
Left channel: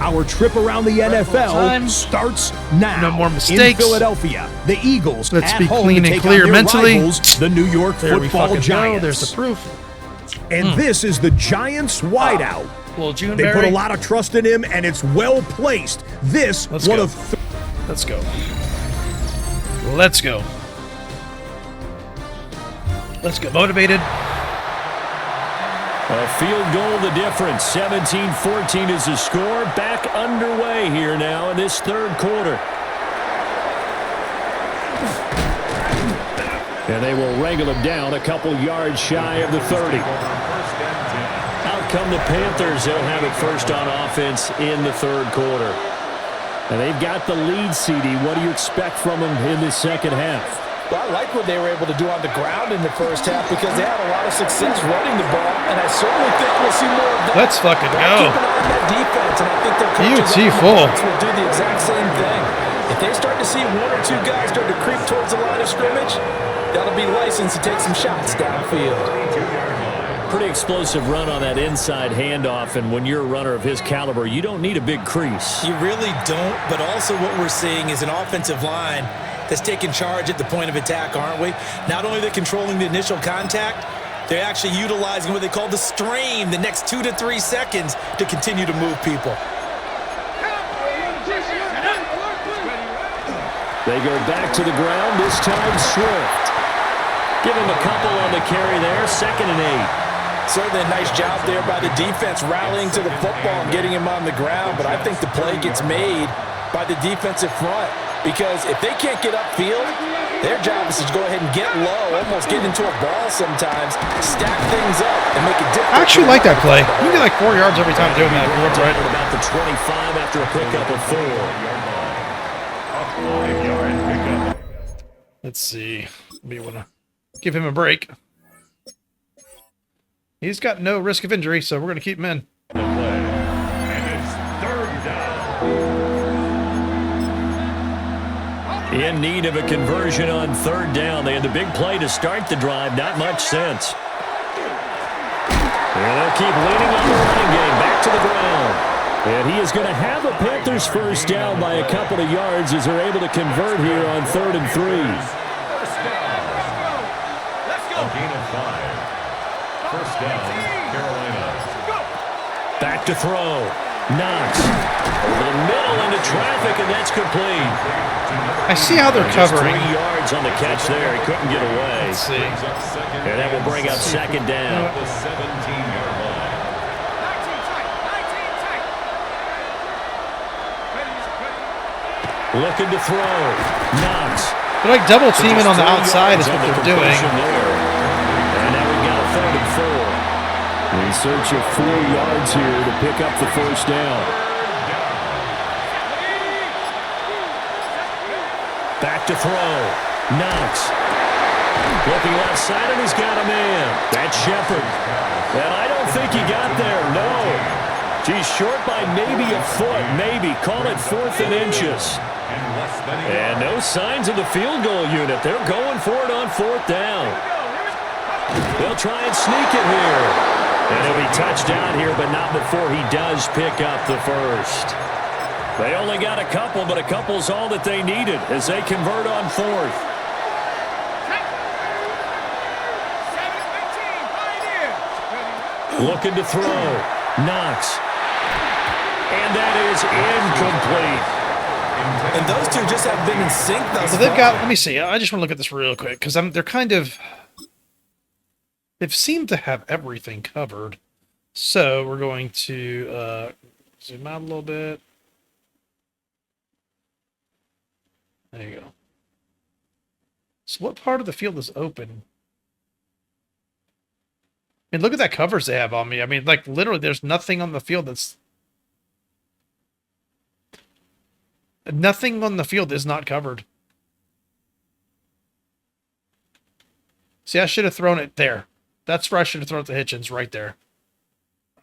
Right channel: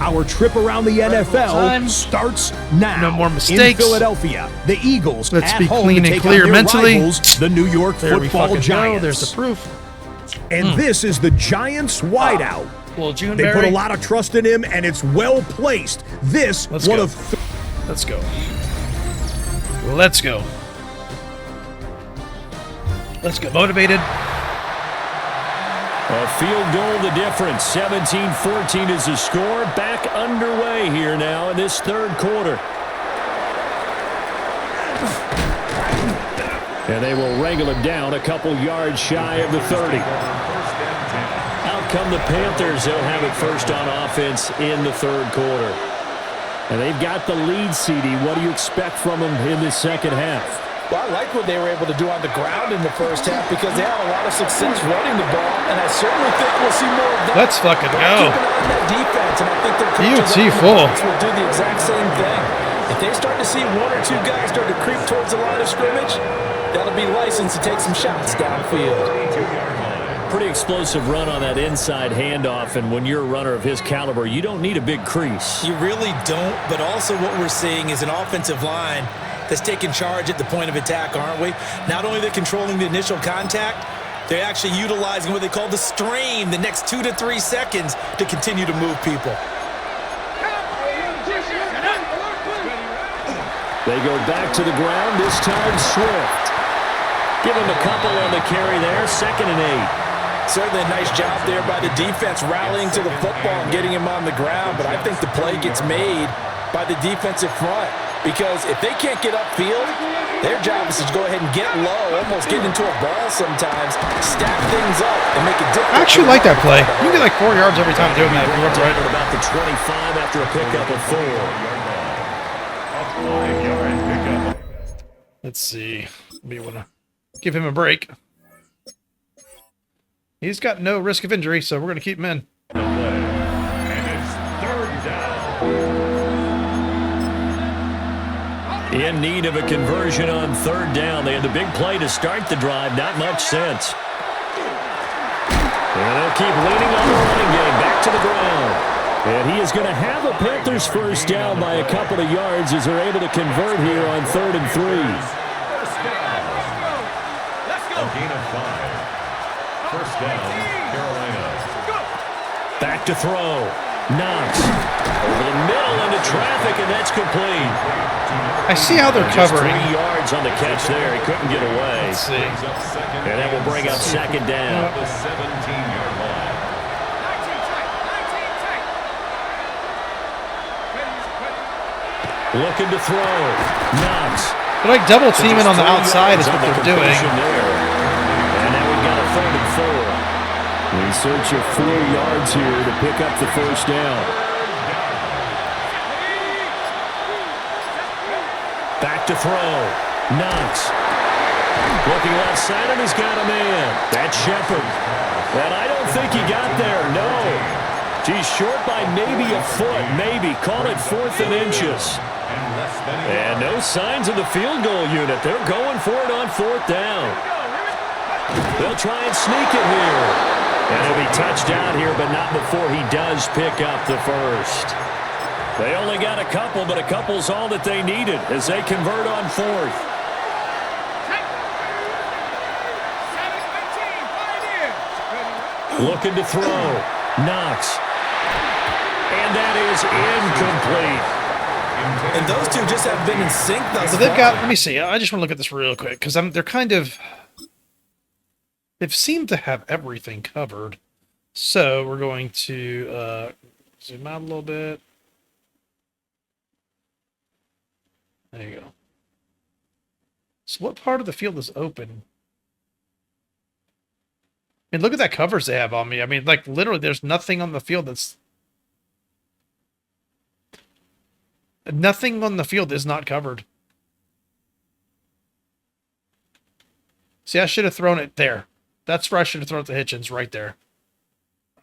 Our trip around the NFL starts now. No more mistakes. In Philadelphia, the Eagles Let's at be home clean to and take clear on their mentally. rivals, the New York There we Football fucking Giants. go. There's the proof. And this is the Giants wideout. Well, June They put a lot of trust in him, and it's well placed. This Let's one go. of Let's go. Let's go. Let's get motivated. A field goal the difference. 17-14 is the score. Back underway here now in this third quarter. And they will wrangle him down a couple yards shy of the 30. Out come the Panthers. They'll have it first on offense in the third quarter. And they've got the lead, CD. What do you expect from them in this second half? Well, I like what they were able to do on the ground in the first half because they had a lot of success running the ball, and I certainly think we'll see more of that. Let's fucking but go. Keep an eye on that defense, and I think their coaches UT full. will do the exact same thing. If they start to see one or two guys start to creep towards the line of scrimmage, that'll be licensed to take some shots downfield. Pretty explosive run on that inside handoff, and when you're a runner of his caliber, you don't need a big crease. You really don't, but also what we're seeing is an offensive line that's taking charge at the point of attack, aren't we? Not only are they controlling the initial contact, they're actually utilizing what they call the strain the next 2 to 3 seconds to continue to move people. They go back to the ground, this time Swift. Give him a couple on the carry there, 2nd and 8. Certainly a nice job there by the defense rallying to the football and getting him on the ground, but I think the play gets made by the defensive front because if they can't get upfield, their job is to go ahead and get low, almost get into a ball sometimes, stack things up, and make it difficult. I actually like that play. You can get like 4 yards every time doing that if you run right. About the 25 after a pickup of 4. 5-yard pickup. Let's see. We want to give him a break. He's got no risk of injury, so we're going to keep him in. The play. And it's 3rd down. In need of a conversion on 3rd down. They had the big play to start the drive. Not much sense. And they'll keep leaning on the running game. Back to the ground. And he is going to have a Panthers first down by a couple of yards as they're able to convert here on 3rd and 3. First down. Let's go. A gain of 5. First down, Carolina. Back to throw. Knox over the middle into traffic, and that's complete. I see how they're Just covering. 3 yards on the catch there. He couldn't get away. Let's see. And that will bring up 2nd down. The 17-yard line. 19 tight. 19 tight. Looking to throw. Knox. They're like double teaming on the 3 outside is yards what on the they're doing. completion there. And now we've got a 3rd and 4. In search of 4 yards here to pick up the first down. Back to throw. Knox. Looking left side, and he's got a man. That's Shepard. And I don't think he got there, no. He's short by maybe a foot, maybe. Call it 4th and inches. And no signs of the field goal unit. They're going for it on 4th down. They'll try and sneak it here. And he'll be touched down here, but not before he does pick up the first. They only got a couple, but a couple's all that they needed as they convert on 4th. 7-18. Looking to throw. Knox. And that is incomplete. And those two just have been in sync thus So they've far. got, let me see. I just want to look at this real quick because they're kind of, they've seemed to have everything covered. So we're going to zoom out a little bit. There you go. So what part of the field is open? mean, look at that coverage they have on me. I mean, like, literally, there's nothing on the field that's... Nothing on the field is not covered. See, I should have thrown it there. That's where I should have thrown it to Hitchens, right there.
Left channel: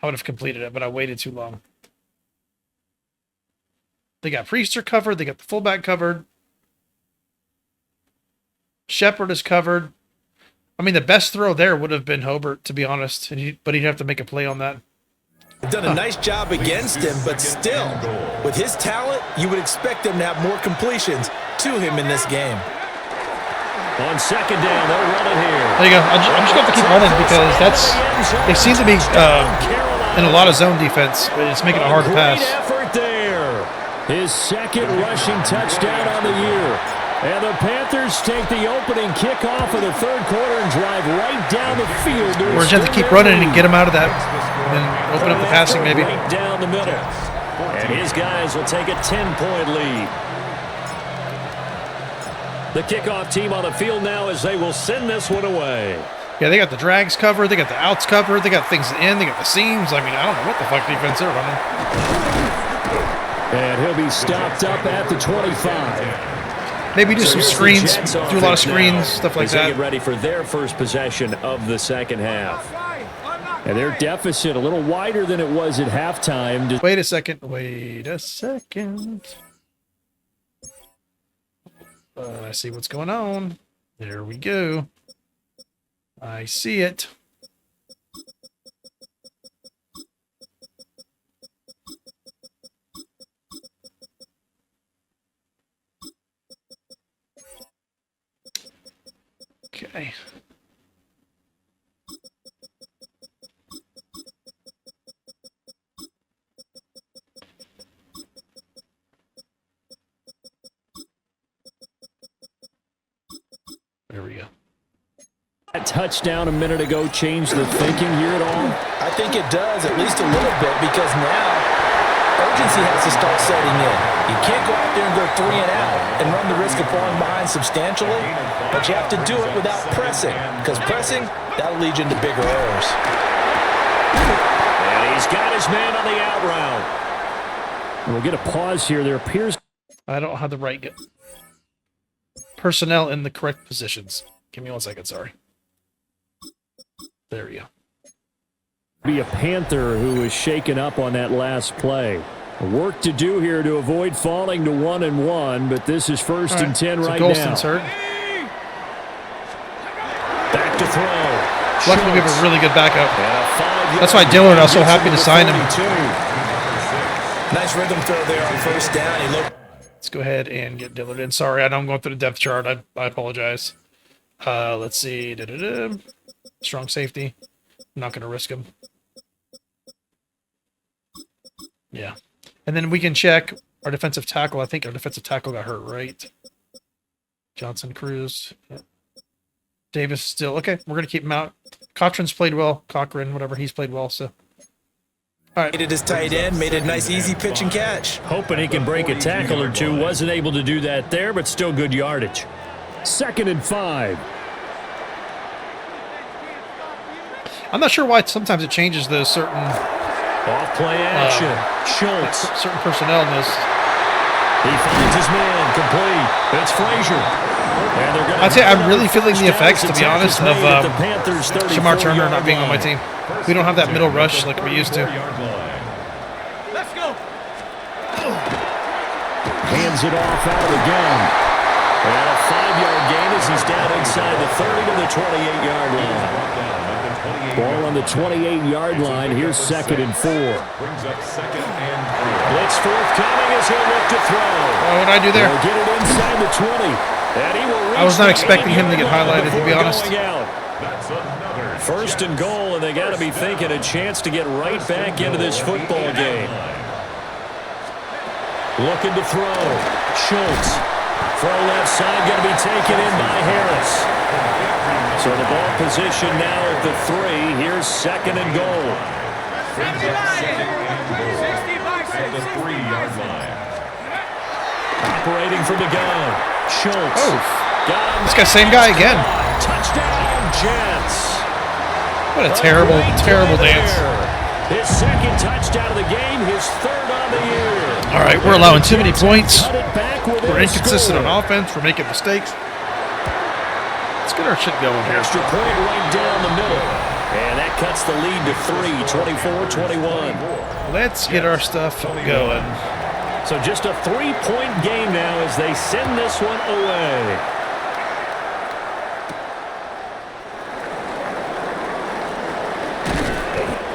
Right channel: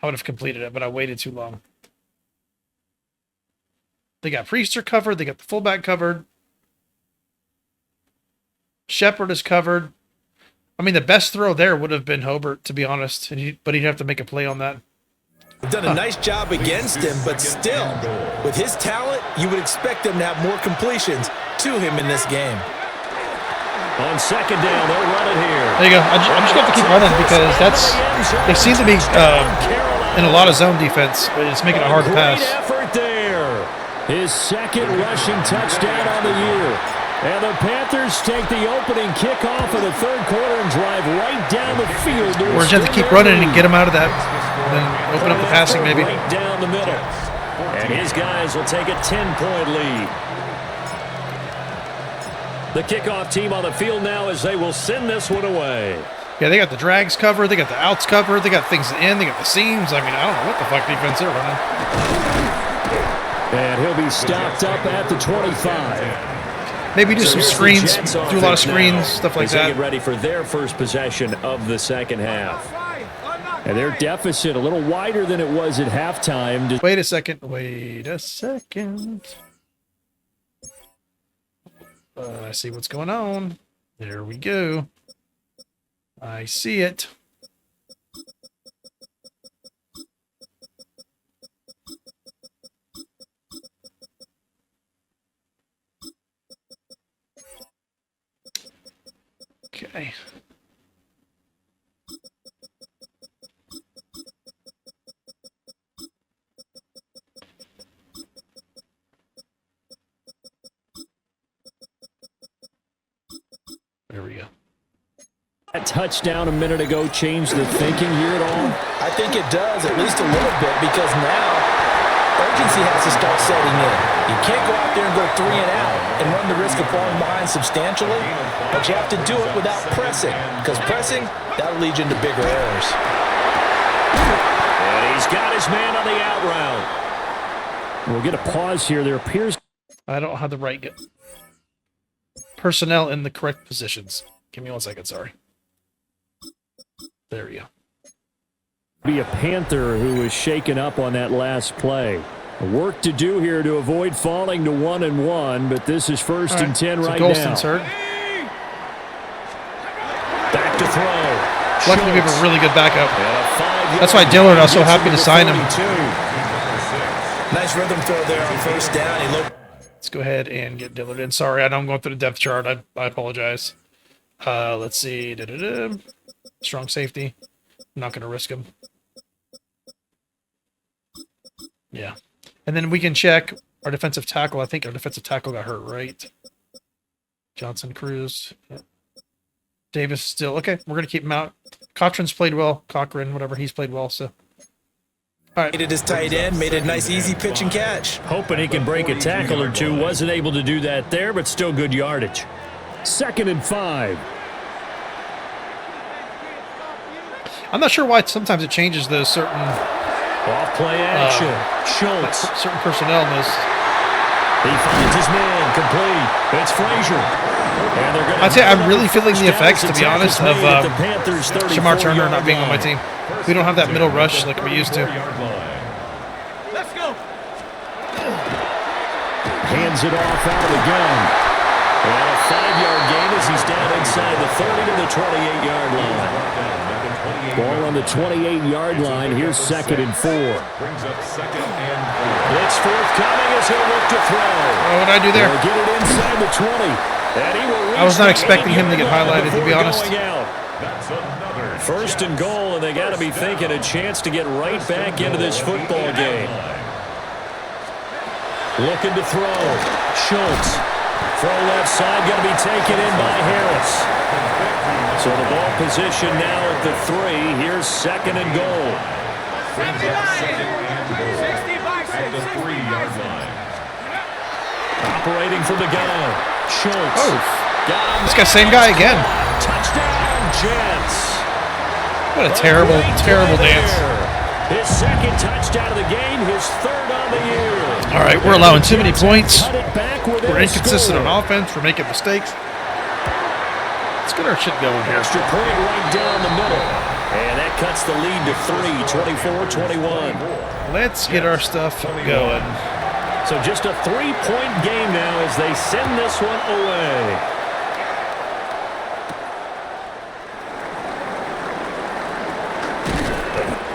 I would have completed it, but I waited too long. They got Priester covered. They got the fullback covered. Shepard is covered. I mean, the best throw there would have been Hobart, to be honest. But he'd have to make a play on that. They've done a nice job against him, but still, with his talent, you would expect them to have more completions to him in this game. On second down, they'll run it here. There you go. I'm just going to keep running because they seem to be in a lot of zone defense, but it's making it hard to pass. Great effort there. His second rushing touchdown on the year. And the Panthers take the opening kickoff of the third quarter and drive right down the field. We're just have to keep running and get him out of that, and then open up the passing maybe. Right down the middle. And his guys will take a 10-point lead. The kickoff team on the field now as they will send this one away. Yeah, they got the drags covered, they got the outs covered, they got things in, they got the seams. I mean, I don't know what the fuck defense they're running. And he'll be stopped up at the 25. Maybe do some screens, do a lot of screens, stuff like that. Get ready for their first possession of the second half. And their deficit a little wider than it was at halftime. Wait a second. I see what's going on. There we go. I see it. Okay. There we go. That touchdown a minute ago changed the thinking here at all? I think it does, at least a little bit, because now urgency has to start setting in. You can't go out there and go 3 and out and run the risk of falling behind substantially, but you have to do it without pressing, because pressing, that'll lead you into bigger errors. And he's got his man on the out route. We'll get a pause here. There appears... I don't have the right personnel in the correct positions. Give me 1 second, sorry. There we go. Be a Panther who was shaken up on that last play. Work to do here to avoid falling to 1-1, but this is first and 10 right now. Golston's hurt. Back to throw. Luckily, we have a really good backup. That's why Dillard, I was so happy to sign him. Nice rhythm throw there on first down. Let's go ahead and get Dillard in. Sorry, I know I'm going through the depth chart. I apologize. Let's see. Strong safety. I'm not going to risk him. Yeah. And then we can check our defensive tackle. I think our defensive tackle got hurt, right? Johnson, Cruz. Yeah. Davis still. Okay, we're going to keep him out. Cochran's played well. Cochran, whatever, he's played well. So, all right. Made it his tight end. Made a nice, easy pitch and catch. Hoping he can break a tackle or two. Wasn't able to do that there, but still good yardage. 2nd and 5. I'm not sure why sometimes it changes those certain... Off-play action. Schultz. Certain personnel in those. He finds his man. Complete. It's Frazier. And they're gonna I'd say I'm really feeling the effects, to be honest, of Shamar Turner not being on my team. We don't have that middle rush like we used to. Let's go. Hands it off out of the gun. And a 5-yard gain as he's down inside the 30 to the 28-yard line. Ball on the 28-yard line. Here's 2nd and 4. Blitz forthcoming as he'll look to throw. What did I do there? He'll get it inside the 20. And he will reach I was not expecting him to get highlighted, to be honest. 1st and goal, and they got to be thinking a chance to get right back into this football game. Looking to throw. Schultz. Throw left side, going to be taken in by Harris. So the ball position now at the 3. Here's 2nd and goal. 60 by 60. At the 3-yard line. Operating from the gun. Schultz. Oh, got him. this guy's same guy again. Touchdown, Jets. What a terrible, terrible dance. His second touchdown of the game, his third on the year. All right, we're allowing too many points. Cut it back within We're a inconsistent score. on offense. We're making mistakes. Let's get our shit going here. Extra point right down the middle. And that cuts the lead to 3, 24-21. Let's get our stuff going. So just a 3-point game now as they send this one away.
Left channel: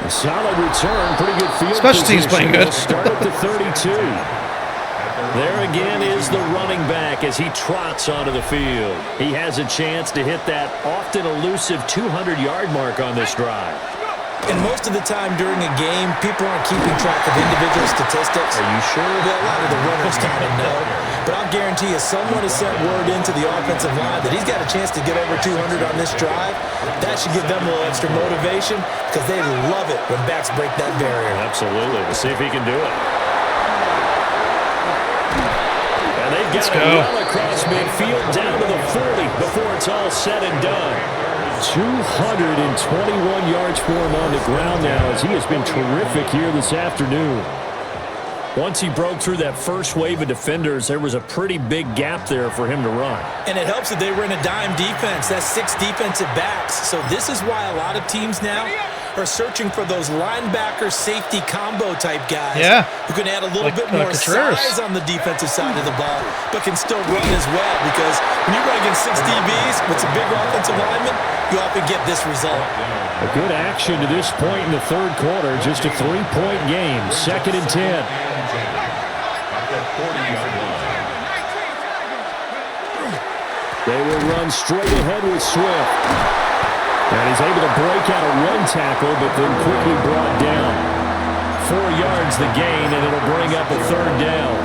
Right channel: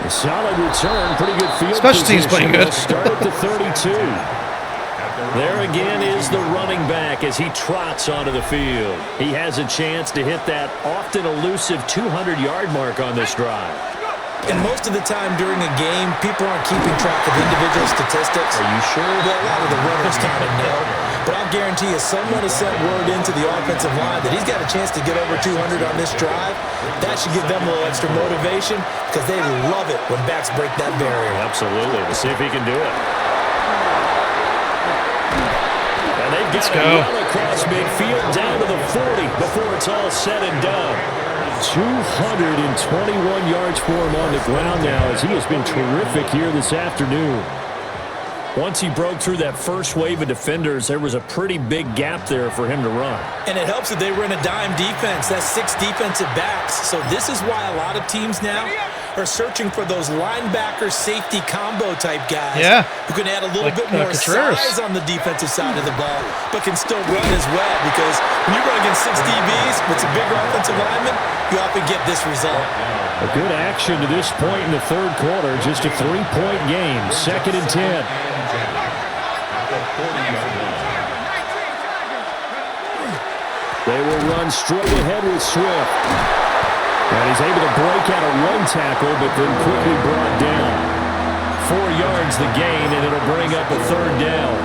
A solid return, pretty good field Special teams playing good. Start at the 32. There again is the running back as he trots onto the field. He has a chance to hit that often elusive 200-yard mark on this drive. And most of the time during a game, people aren't keeping track of individual statistics. Are you sure? Well, a lot of the runners kind of know. But I'll guarantee you, someone has sent word into the offensive line that he's got a chance to get over 200 on this drive. That should give them a little extra motivation because they love it when backs break that barrier. Absolutely. We'll see if he can do it. And they've got it well across midfield down to the 40 before it's all said and done. 221 yards for him on the ground now as he has been terrific here this afternoon. Once he broke through that first wave of defenders, there was a pretty big gap there for him to run. And it helps that they were in a dime defense. That's 6 defensive backs. So this is why a lot of teams now are searching for those linebacker safety combo type guys who can add a little bit more size on the defensive side of the ball, but can still run as well, because when you run against 6 DBs with some bigger offensive linemen, you often get this result. A good action to this point in the third quarter. Just a 3-point game. 2nd and 10. They will run straight ahead with Swift. And he's able to break out of one tackle, but then quickly brought down. 4 yards the gain, and it'll bring up a 3rd down.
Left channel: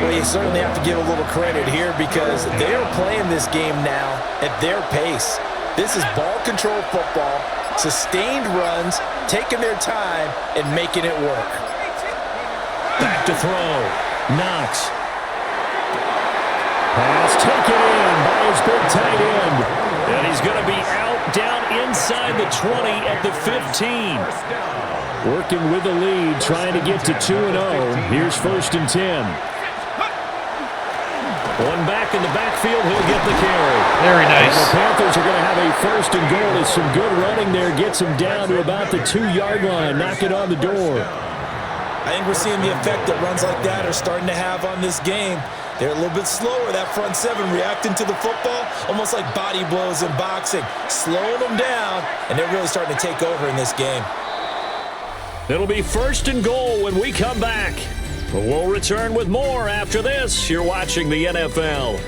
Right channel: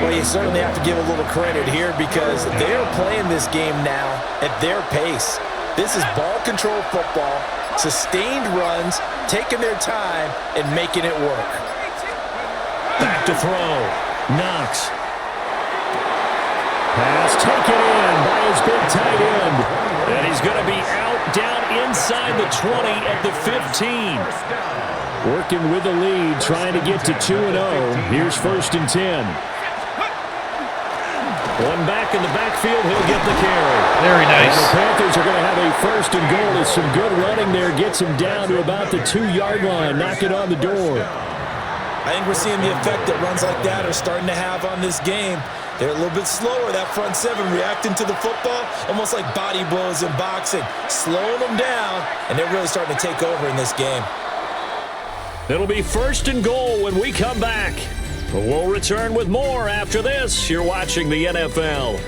Well, you certainly have to give a little credit here because they're playing this game now at their pace. This is ball control football, sustained runs, taking their time, and making it work. Back to throw. Knox. Pass taken in by his big tight end. And he's going to be out down inside the 20 at the 15. Working with the lead, trying to get to 2-0. Here's 1st and 10. One back in the backfield, he'll get the carry. Very nice. And the Panthers are going to have a 1st and goal as some good running there gets him down to about the 2-yard line, knocking on the door. I think we're seeing the effect that runs like that are starting to have on this game. They're a little bit slower, that front 7, reacting to the football, almost like body blows in boxing, slowing them down, and they're really starting to take over in this game. It'll be 1st and goal when we come back. But we'll return with more after this. You're watching the NFL.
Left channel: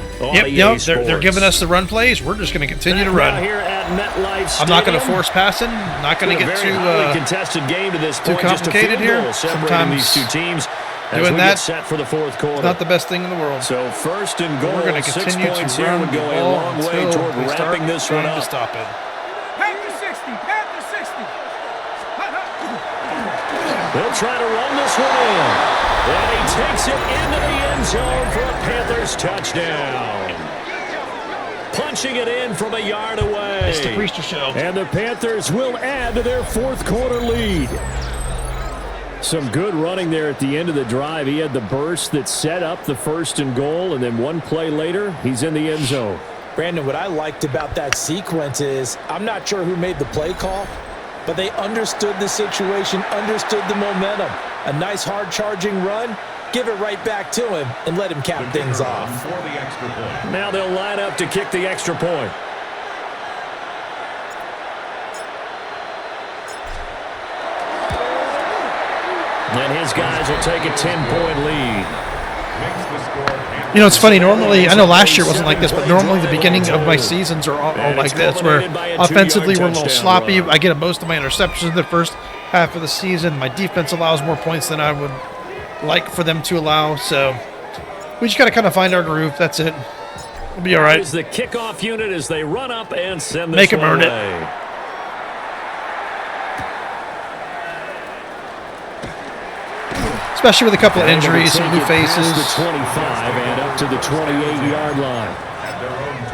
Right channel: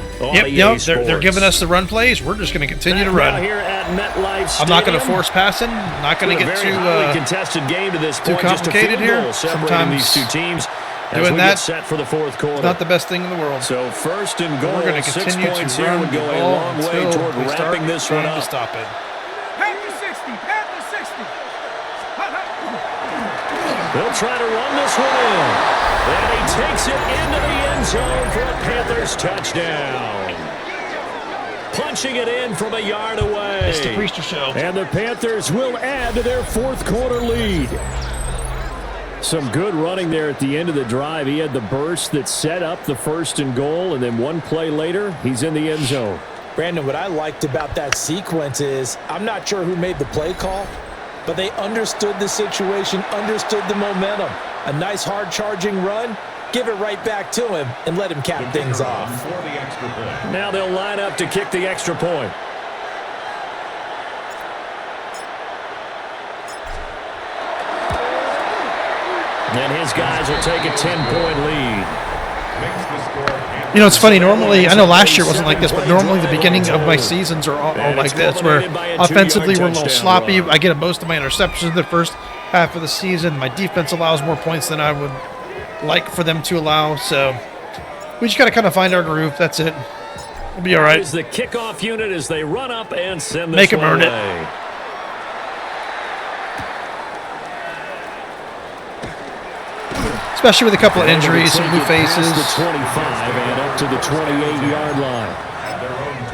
They're giving us the run plays. We're just going to continue to run. Here at MetLife Stadium. I'm not going to force passing. Not going to get too contested game to this point. too complicated here. Separating these two teams. Doing that set for the 4th quarter. Not the best thing in the world. So 1st and goal. We're going to continue to run would go a long way toward wrapping this one up. To stop it. Panther 60, Panther 60. They'll try to run this one in. And he takes it into the end zone for a Panthers touchdown. Punching it in from a yard away. It's the Priester show. And the Panthers will add to their 4th quarter lead. Some good running there at the end of the drive. He had the burst that set up the 1st and goal, and then one play later, he's in the end zone. Brandon, what I liked about that sequence is I'm not sure who made the play call, but they understood the situation, understood the momentum. A nice hard-charging run, give it right back to him, and let him cap things off. Now they'll line up to kick the extra point. And his guys will take a 10-point lead. You know, it's funny. Normally, I know last year wasn't like this, but normally the beginning of my seasons are all like this, where offensively we're a little sloppy. I get most of my interceptions in the first half of the season. My defense allows more points than I would like for them to allow. So we just got to kind of find our groove. That's it. We'll be all right. Is the kickoff unit as they run up and send this Make them one earn away. it. Especially with a couple of injuries, some new faces. The 25 and up to the 28-yard line.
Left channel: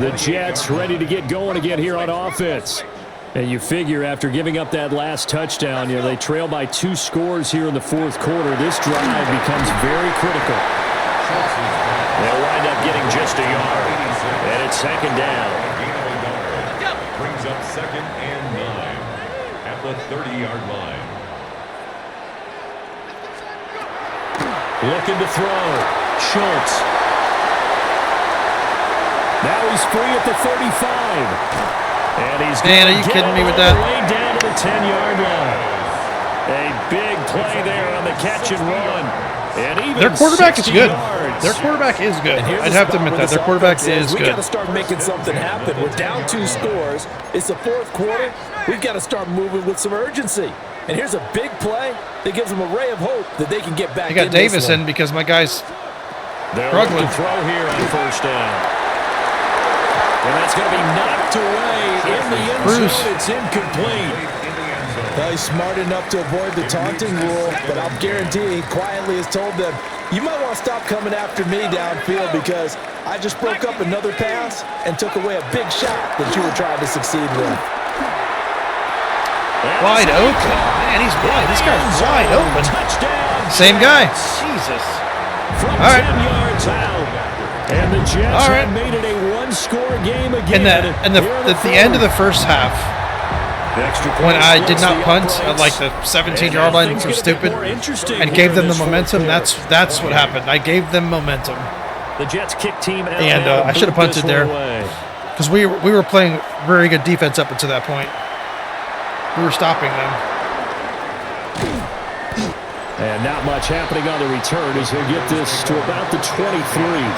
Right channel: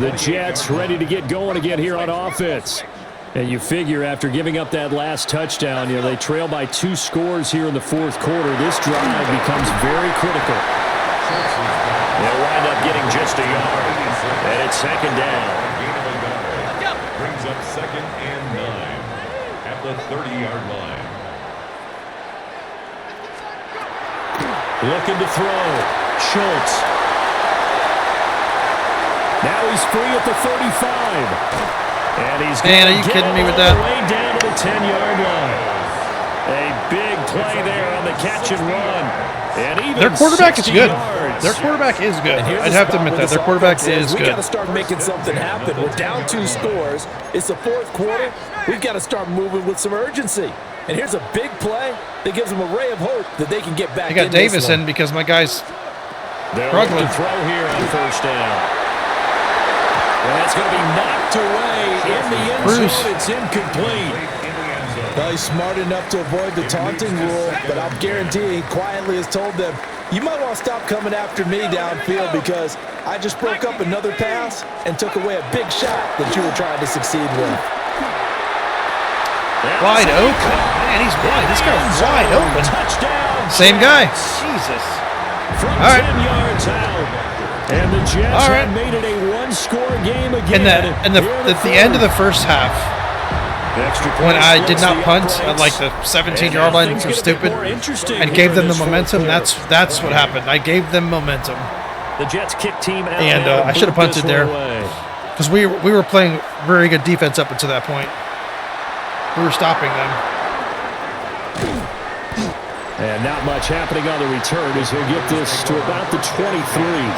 The Jets ready to get going again here on offense. And you figure after giving up that last touchdown, you know, they trail by 2 scores here in the fourth quarter. This drive becomes very critical. They'll wind up getting just a yard. And it's second down. Gain of a yard. Brings up 2nd and 9 at the 30-yard line. Looking to throw. Schultz. Now he's free at the 35. And he's Man, are you kidding me with that? Way down to the 10-yard line. A big play there on the catch and run. And even Their quarterback is good. yards. Their quarterback is good. And here's I'd the have to spot admit where that. this Their quarterback offense is We got to good. start making something happen. We're down 2 scores. It's the fourth quarter. We've got to start moving with some urgency. And here's a big play that gives them a ray of hope that they can get back I got in this Davis one. in because my guy's They'll look struggling. to throw here on first down. And that's going to be knocked away in the end Bruce. zone. It's incomplete. Well, he's smart enough to avoid the taunting rule, but I'll guarantee he quietly has told them, you might want to stop coming after me downfield because I just broke up another pass and took away a big shot that you were trying to succeed with. wide open. Man, he's wide. This guy's wide open. Touchdown. Same guy. Jets. Jesus. From All right. 10 yards out. And the Jets All right. have made it a 1-score game again. And at the end of the first half, Extra when point I did splits not the punt uprights. at like the 17-yard line, which was stupid, and gave them the momentum, that's what happened. I gave them momentum. The Jets kick team out And now I should have boot this punted there. one away. Because we were playing very good defense up until that point. We were stopping them. And not much happening on the return as he'll get this to about the 23.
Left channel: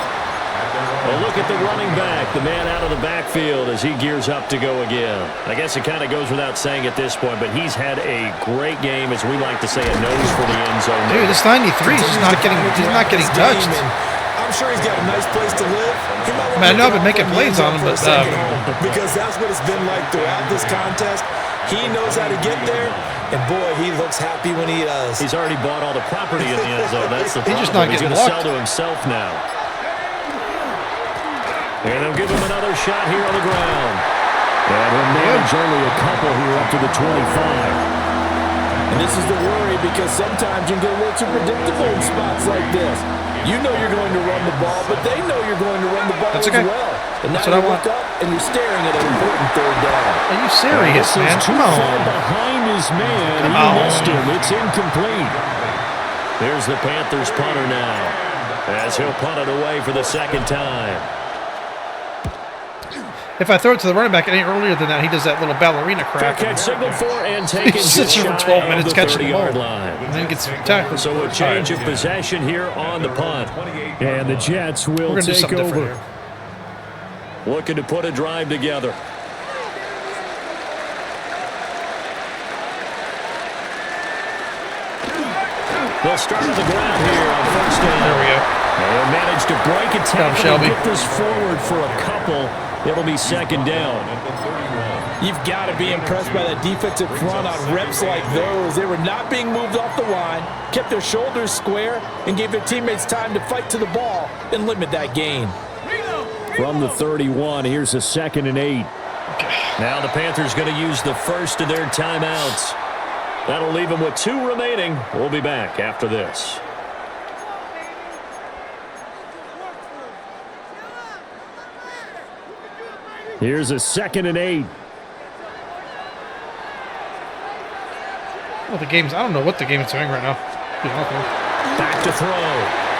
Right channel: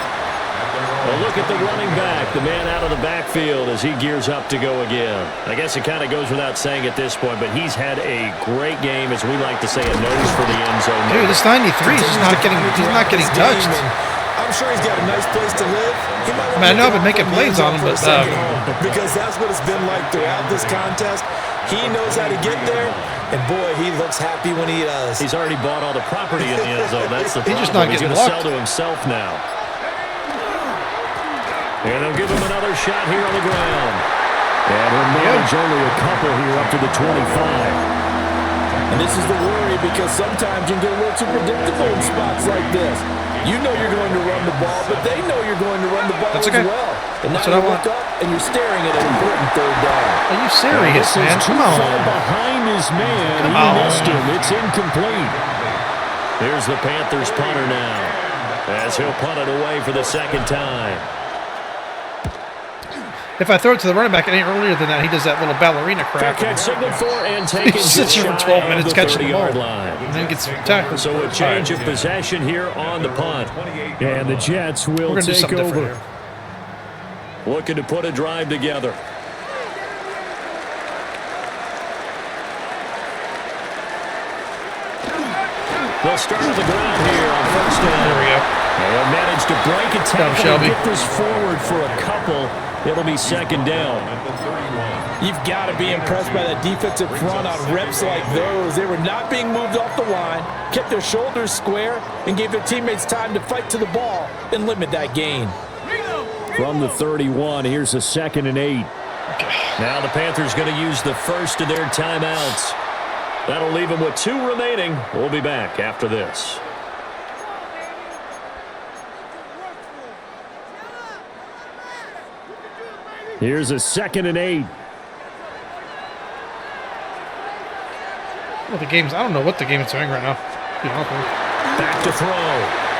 Well, look at the running back, the man out of the backfield as he gears up to go again. I guess it kind of goes without saying at this point, but he's had a great game, as we like to say, a nose for the end zone. Dude, this 93 is just not getting touched. I'm sure he's got a nice place to live. He might want I mean, I know to I've been making plays on him, but because that's what it's been like throughout this contest. He knows how to get there, and boy, he looks happy when he does. He's already bought all the property in the end zone. That's the problem. He's just not He's getting going to sell blocked. to himself now. And they'll give him another shot here on the ground. And he'll manage only a couple here up to the 25. And this is the worry because sometimes you can get a little too predictable in spots like this. You know you're going to run the ball, but they know you're going to run the ball That's as okay. well. And That's now what I you want. look up and you're staring at an important third down. Are you serious, man? Come Far on. behind his man. Come He on. missed him. It's incomplete. There's the Panthers punter now as he'll punt it away for the second time. If I throw it to the running back any earlier than that, he does that little ballerina Fair crap. catch signaled for and taken He just sits here shy for 12 of minutes the catching the 30-yard ball. line. And then gets tackled. So a change of possession here on the punt. And the Jets will We're going to do take something different over. here. Looking to put a drive together. They'll start on the ground here on first down. There we go. They'll manage to break a tackle Shelby. and get this forward for a couple. It'll be second down. You've got to be impressed by that defensive front on reps like those. They were not being moved off the line, kept their shoulders square, and gave their teammates time to fight to the ball and limit that gain. From the 31, here's a 2nd and 8. Now the Panthers going to use the first of their timeouts. That'll leave them with 2 remaining. We'll be back after this. Here's a 2nd and 8. Well, the game's, I don't know what the game is doing right now. To be honest with you. Back to throw.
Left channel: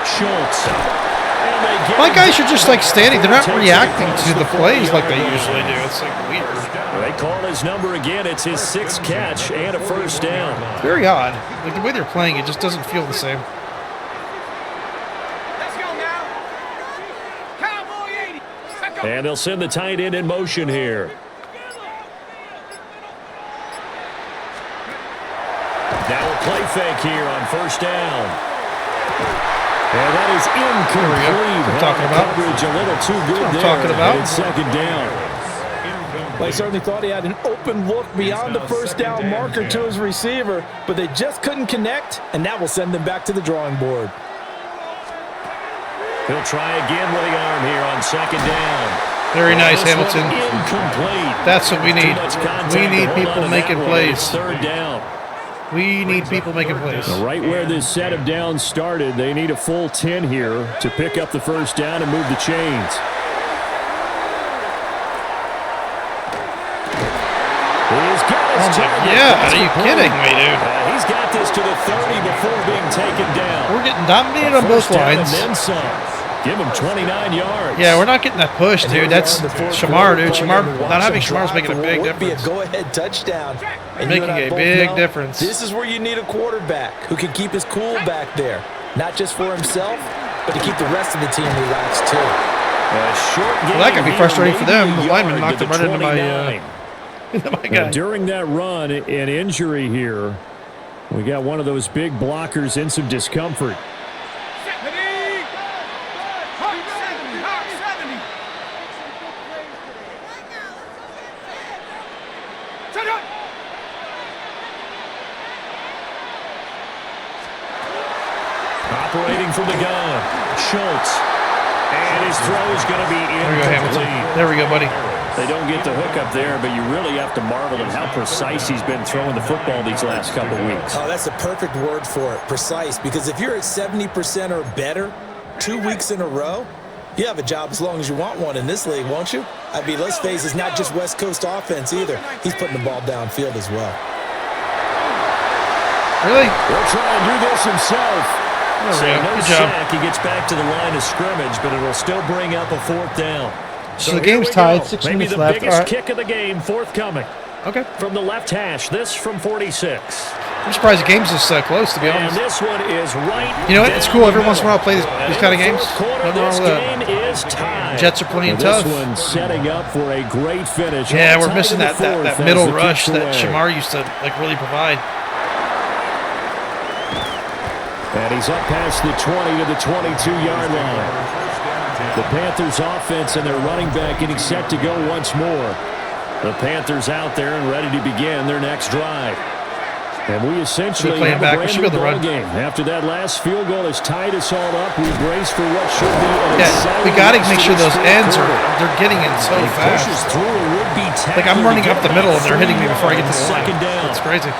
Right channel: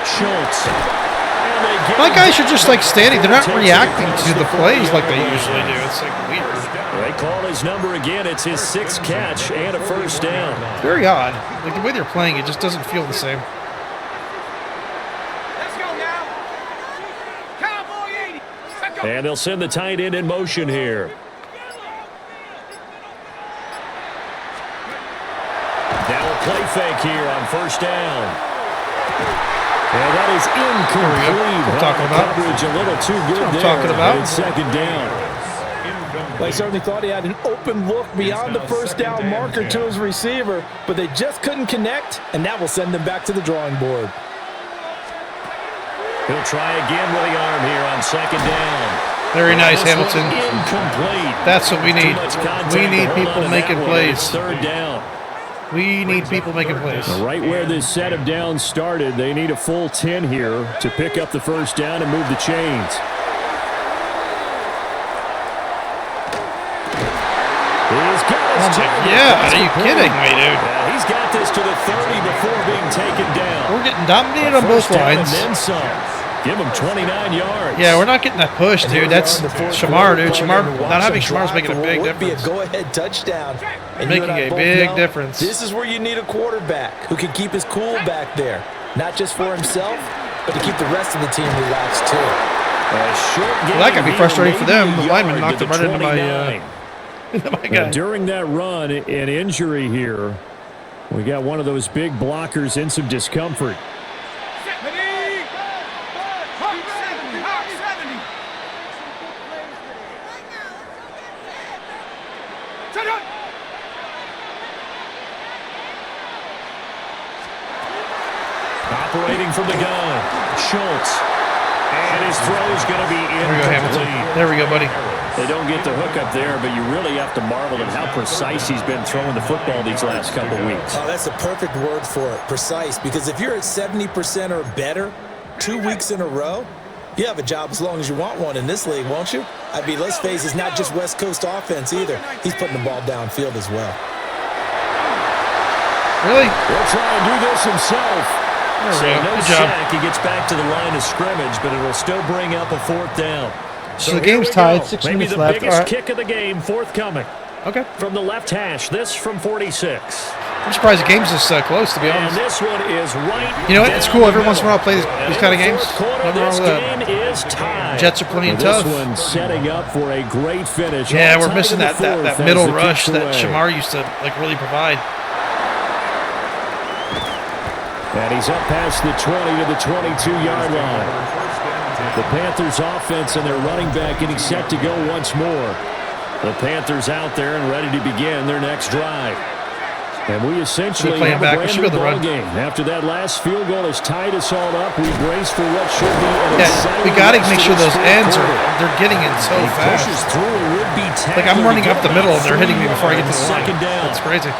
Schultz. And they get My him guys are just like standing. They're not Takes it reacting across to the the plays like 40-yard they usually line. do. It's like weird. They call his number again. It's his 6th catch and a first down. It's very odd. Like the way they're playing, it just doesn't feel the same. Let's go now. Cowboy 80. Let's go. And they'll send the tight end in motion here. Now a play fake here on first down. And that is incomplete. There we go. That's what I'm talking about. Coverage a little too good I'm there. talking about. And it's second down. They certainly thought he had an open look beyond the first down marker to his receiver, but they just couldn't connect, and that will send them back to the drawing board. He'll try again with the arm here on second down. Very nice, This one Hamilton. incomplete. That's what we Too need. much contact We to need hold people on to making that one. plays. It's third down. We need people making plays. Right where this set of downs started, they need a full 10 here to pick up the first down and move the chains. He's got his Yeah, are you kidding me, dude? He's got this to the 30 before being taken down. We're getting dominated A on both first down lines. And then some. Give him 29 yards. Yeah, we're not getting that push, dude. That's Shamar, dude. Not having Shamar's making a big would be a difference. go-ahead touchdown. And Making you and I a both big know difference. This is where you need a quarterback who can keep his cool back there, not just for himself, but to keep the rest of the team relaxed too. A short game Well, that could be here, frustrating for them. maybe The a lineman yard knocked to him right into my, 29. my Now, guy. during that run, an injury here. We got one of those big blockers in some discomfort. Hawk 70. Shut up. Operating from the gun, Schultz. And his throw is going to be There we go, Hamilton. incomplete. There we go, buddy. They don't get the hook up there, but you really have to marvel at how precise he's been throwing the football these last couple weeks. Oh, that's a perfect word for it, precise, because if you're at 70% or better 2 weeks in a row, you have a job as long as you want one in this league, won't you? I mean, let's face it, it's not just West Coast offense either. He's putting the ball downfield as well. Really? He'll try and do this himself. There we So go. no Good job. sack. He gets back to the line of scrimmage, but it'll still bring up a fourth down. So the here game's we tied, go. 6 Maybe minutes the left. biggest All right. kick of the game forthcoming Okay. from the left hash. This from 46. I'm surprised the game's this close, to be And honest. this one is right. You know what? It's down cool. the Every once in a while, I middle. play these And kind of in the games. fourth quarter, Nothing wrong this with that. game is tied. Jets are playing This tough. one setting up for a great finish. Yeah, All we're tied missing in the that fourth as middle the rush kick's that away. Shamar used to really provide. And he's up past the 20 to the 22-yard line. The Panthers offense and their running back getting set to go once more. The Panthers out there and ready to begin their next drive. And we essentially They're playing have back. a We brand should new be able to ball run. game. After that last field goal has tied us all up, we brace for what should be an Yeah, exciting we got to rest make of sure this those fourth ends quarter. they're getting in so He fast. pushes through a would-be Like I'm tackler running to up get the middle about and they're hitting me 3 before I get to yards. the line. Second down. That's crazy.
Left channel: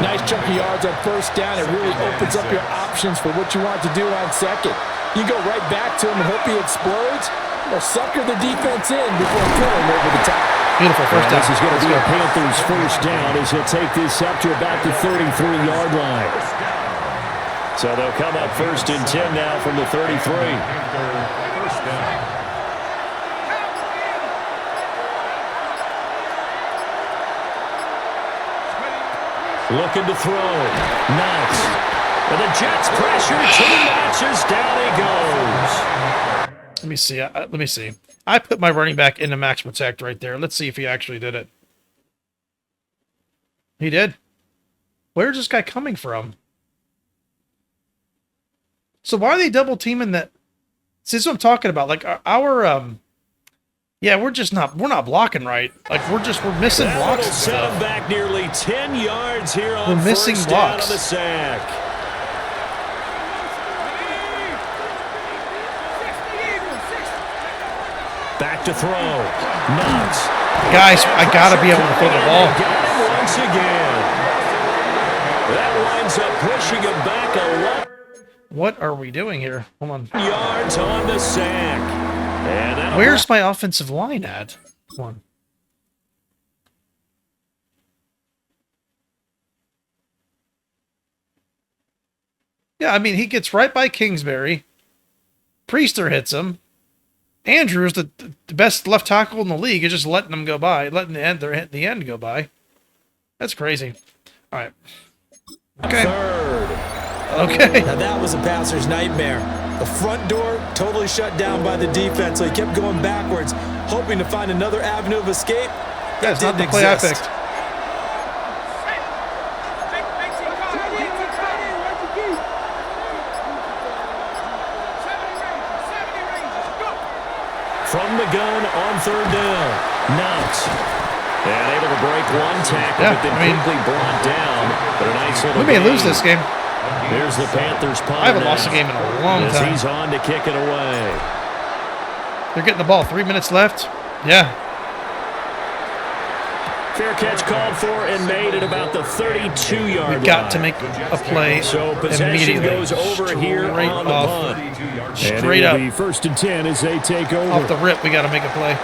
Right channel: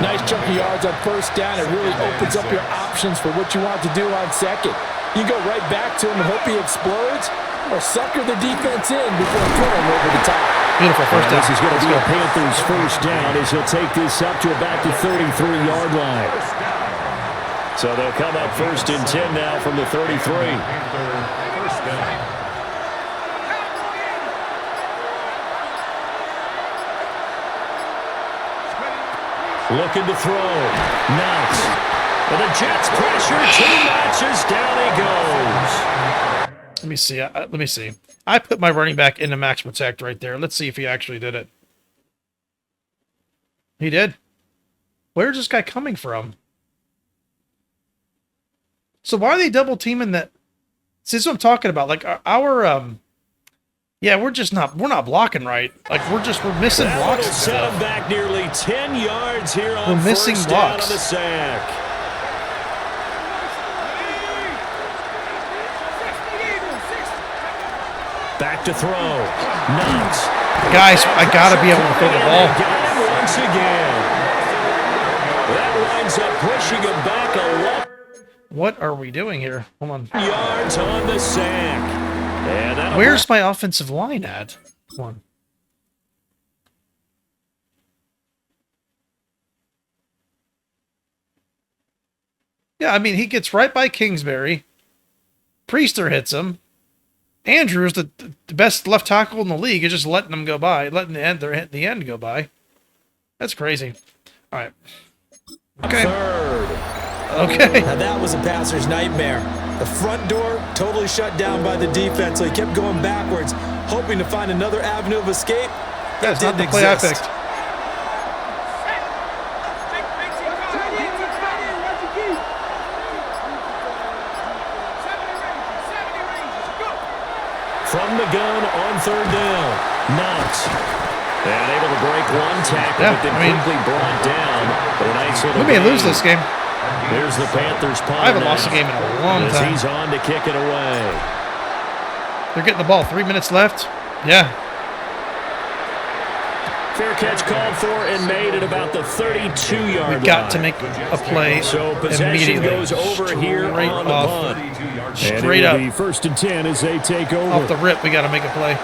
Nice chunk of yards on first down. It really opens up your options for what you want to do on second. You go right back to him and hope he explodes, or sucker the defense in before throwing him over the top. Beautiful first And down. this is going Let's to be go. a Panthers first down as he'll take this up to about the 33-yard line. So they'll come up first and 10 now from the 33. First down. Looking to throw. Knox. And the Jets pressure too much as down he goes. Let me see. Let me see. I put my running back into max protect right there. Let's see if he actually did it. He did. Where's this guy coming from? So why are they double teaming that? See, this is what I'm talking about. Like yeah, we're not blocking right. Like we're missing That blocks. will and set him stuff. back nearly 10 yards here on We're missing first down blocks. on the sack. Back to throw. Knox. Guys, I gotta be able to throw the ball. Got him once again. That winds up pushing him back 11 What are we doing here? Hold on. yards on the sack. And that'll Where's my offensive line at? Come on. Yeah, I mean, he gets right by Kingsbury. Priester hits him. Andrews, the best left tackle in the league, is just letting them go by, letting the end go by. That's crazy. All right. Okay. third. Okay. Now that was a passer's nightmare. The front door totally shut down by the defense, so he kept going backwards, hoping to find another avenue of escape. That's not the didn't play I exist. picked. From the gun on third down. Knox. And able to break one tackle, Yeah, but then I mean, quickly brought down. But a nice little We may lose gain. this game. Here's the Panthers punter I haven't lost now, a game in a long as time. he's on to kick it away. They're getting the ball. 3 minutes left. Yeah. Fair catch called for and made at about the 32-yard line. We've got to make a play So possession immediately. goes over here on the punt. Straight up. Be 1st and 10 as they take over. Off the rip, we got to make a play.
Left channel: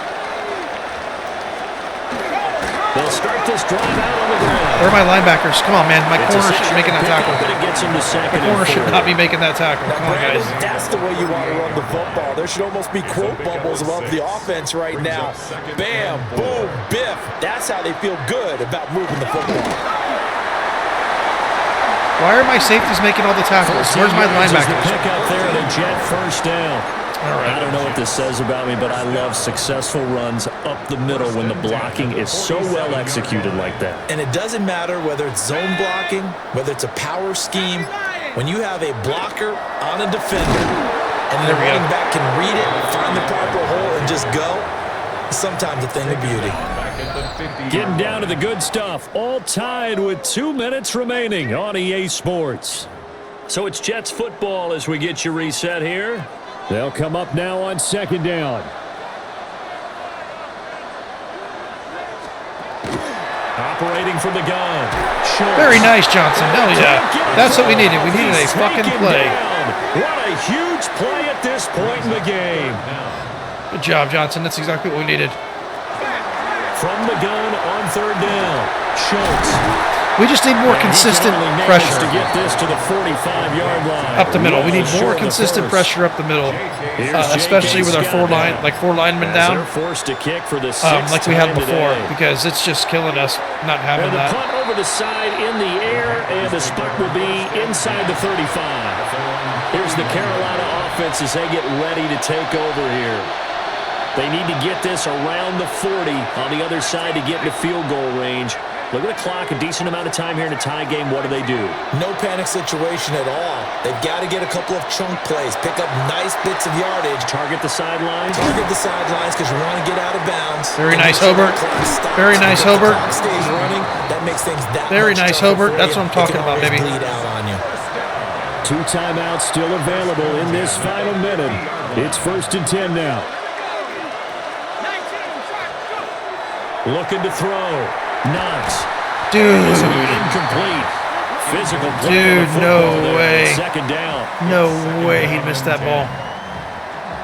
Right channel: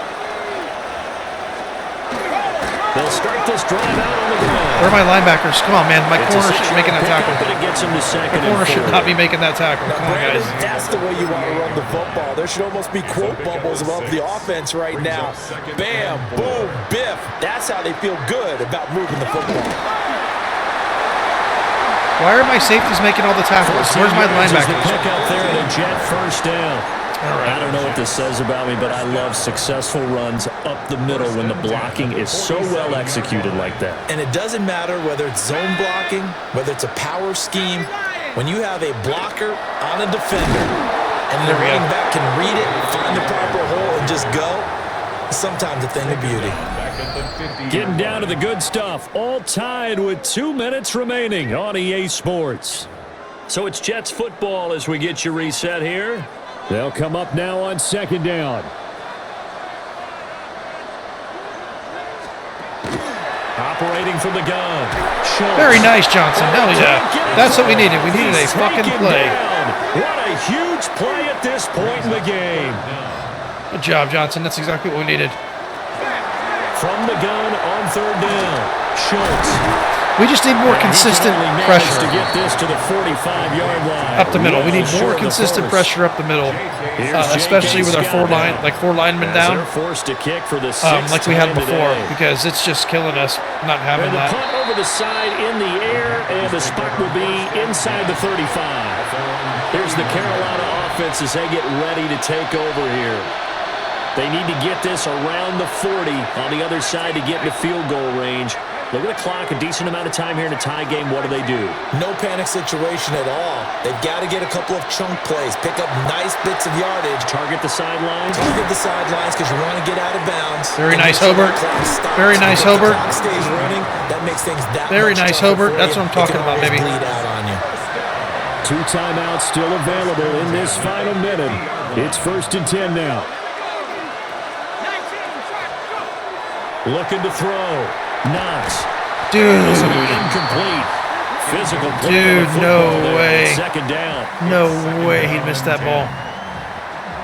They'll start this drive out on the ground. Where are my linebackers? Come on, man. My It's corner a should be making that tackle. But it gets him to second My corner and should 4. not be making that tackle. Now, Come on, Brandon, guys. that's the way you want to run the football. There should almost be quote bubbles above the offense right now. Bam, boom, biff. That's how they feel good about moving the football. Why are my safeties making all the tackles? Where's my linebackers? Pick up there at a Jet first down. All right. I don't know what this says about me, but I love successful runs up the middle when the blocking is so well executed like that. And it doesn't matter whether it's zone blocking, whether it's a power scheme. When you have a blocker on a defender and the running back can read it, find the proper hole, and just go, it's sometimes a thing of beauty. Getting down to the good stuff, all tied with 2 minutes remaining on EA Sports. So it's Jets football as we get you reset here. They'll come up now on 2nd down. Operating from the gun. Schultz. Very nice, Johnson. Hell yeah. That's what we needed. We needed a fucking Taken play. down. What a huge play at this point in the game. Good job, Johnson. That's exactly what we needed. From the gun on 3rd down. Schultz. We just need more And he consistent can only manage pressure to get this to the 45-yard line. up the middle. We need Well more short of the consistent first. pressure up the middle, Here's especially with our J.K. Scott now. four linemen As down, they're forced to kick for the 6th like we had time before, today. because it's just killing us not having And the that. punt over the side in the air, and the spot will be inside the 35. Here's the Carolina offense as they get ready to take over here. They need to get this around the 40 on the other side to get into field goal range. Look at the clock, a decent amount of time here in a tie game. What do? No panic situation at all. They've got to get a couple of chunk plays, pick up nice bits of yardage. Target the sidelines. Target the sidelines because you want to get out of bounds. Very And nice, make sure Hobart. the clock stops. Very nice, Because Hobart. The clock stays running. That makes things that Very much nice, tougher Hobart. for That's you. what I'm talking It can about, always baby. bleed out on you. 2 timeouts still available in this final minute. It's 1st and 10 now. 19, Looking to throw. Knox. Dude, Incomplete. Physical play Dude, on the football no there. way. 2nd down. no way he missed that ball.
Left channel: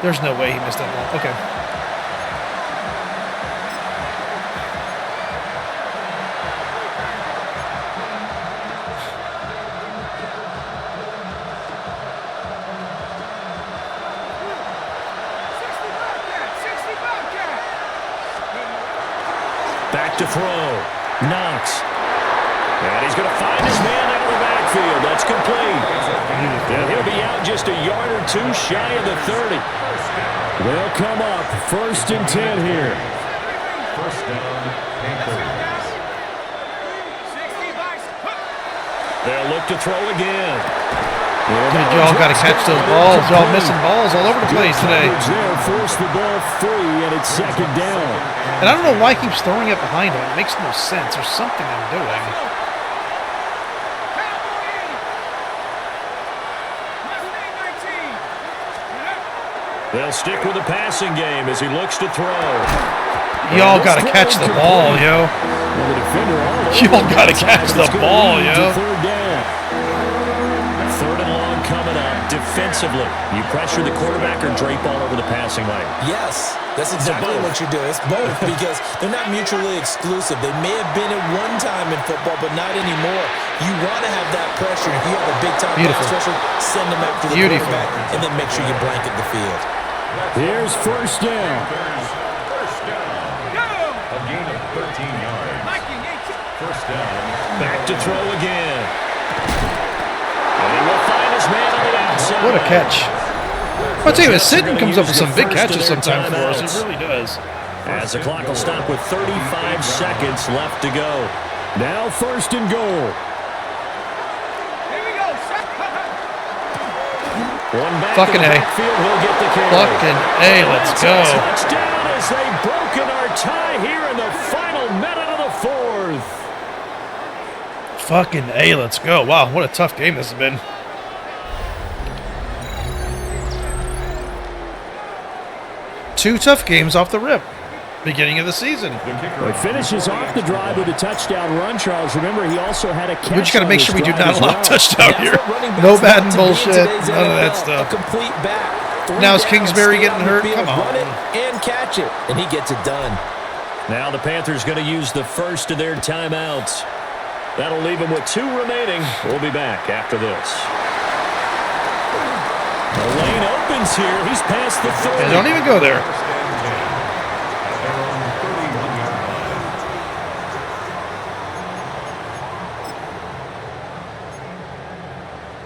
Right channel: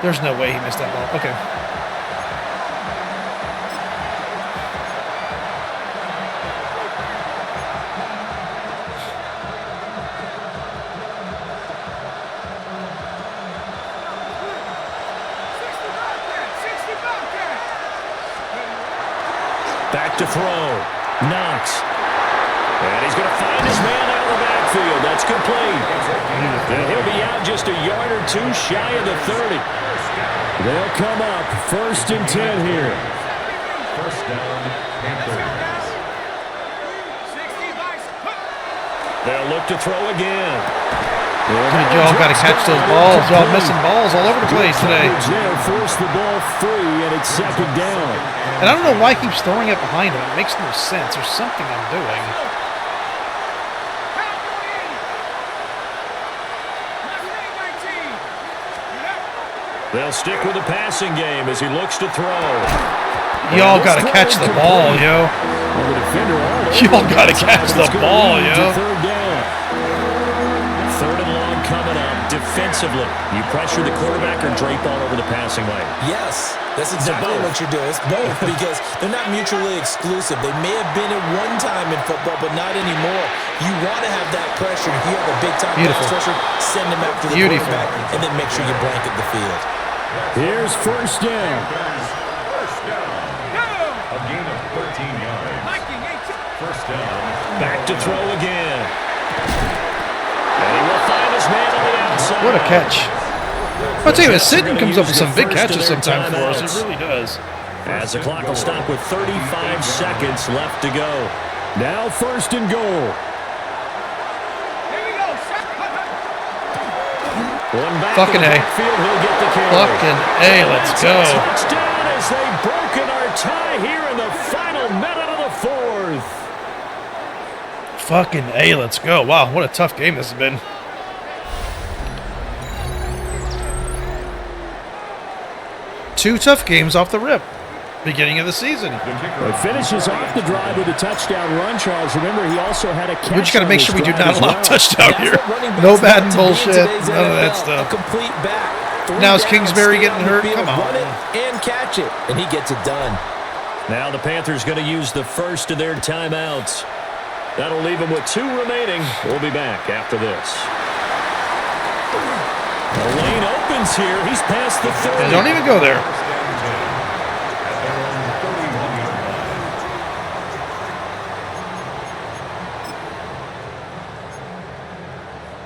There's no way he missed that ball. Okay. Back to throw. Knox. And he's going to find his man out of the backfield. That's complete. And he'll be out just a yard or two shy of the 30. They'll come up 1st and 10 here. First down, Panthers. They'll look to throw again. Dude, y'all got to catch those balls. Y'all missing balls all over the place today. There, force the ball free, and it's 2nd down. And I don't know why he keeps throwing it behind him. It makes no sense. There's something I'm doing. They'll stick with the passing game as he looks to throw. Y'all got to catch the ball, yo. Well, the defender all over Y'all him. got to catch the It's gonna ball, lead yo. to 3rd down. 3rd and long coming up defensively. You pressure the quarterback or drape all over the passing lane. Yes, that's exactly both. what you're doing. It's both because they're not mutually exclusive. They may have been at one time in football, but not anymore. You want to have that pressure. If you have a big-time pass Beautiful. rusher, send them after the Beautiful. quarterback, and then make sure you blanket the field. Here's 1st down. First down. A gain of 13 yards. First down. Back to throw again. And he will find his man on the outside. What a catch. I'll tell you, Sitton comes up with some big First of catches their sometimes for us. timeouts. It really does. As the clock will stop with 35 seconds left to go. Now 1st and goal. One back Fucking in the A. backfield, he'll get the carry. Fucking A, let's go. Touchdown as they've broken our tie here in the final minute of the 4th. Fucking A, let's go. Wow, what a tough game this has been. 2 tough games off the rip. Beginning of the season. Well, he finishes off the drive with a touchdown run, Charles. Remember, he also had a catch. We just got to make sure we do not allow touchdown here. No Madden bullshit. None of that A stuff. complete back. Now is Kingsbury getting hurt? Come on. Run it and catch it, and he gets it done. Now the Panthers going to use the first of their timeouts. That'll leave them with 2 remaining. We'll be back after this. The lane opens here. He's past the 30. Yeah, don't even go there.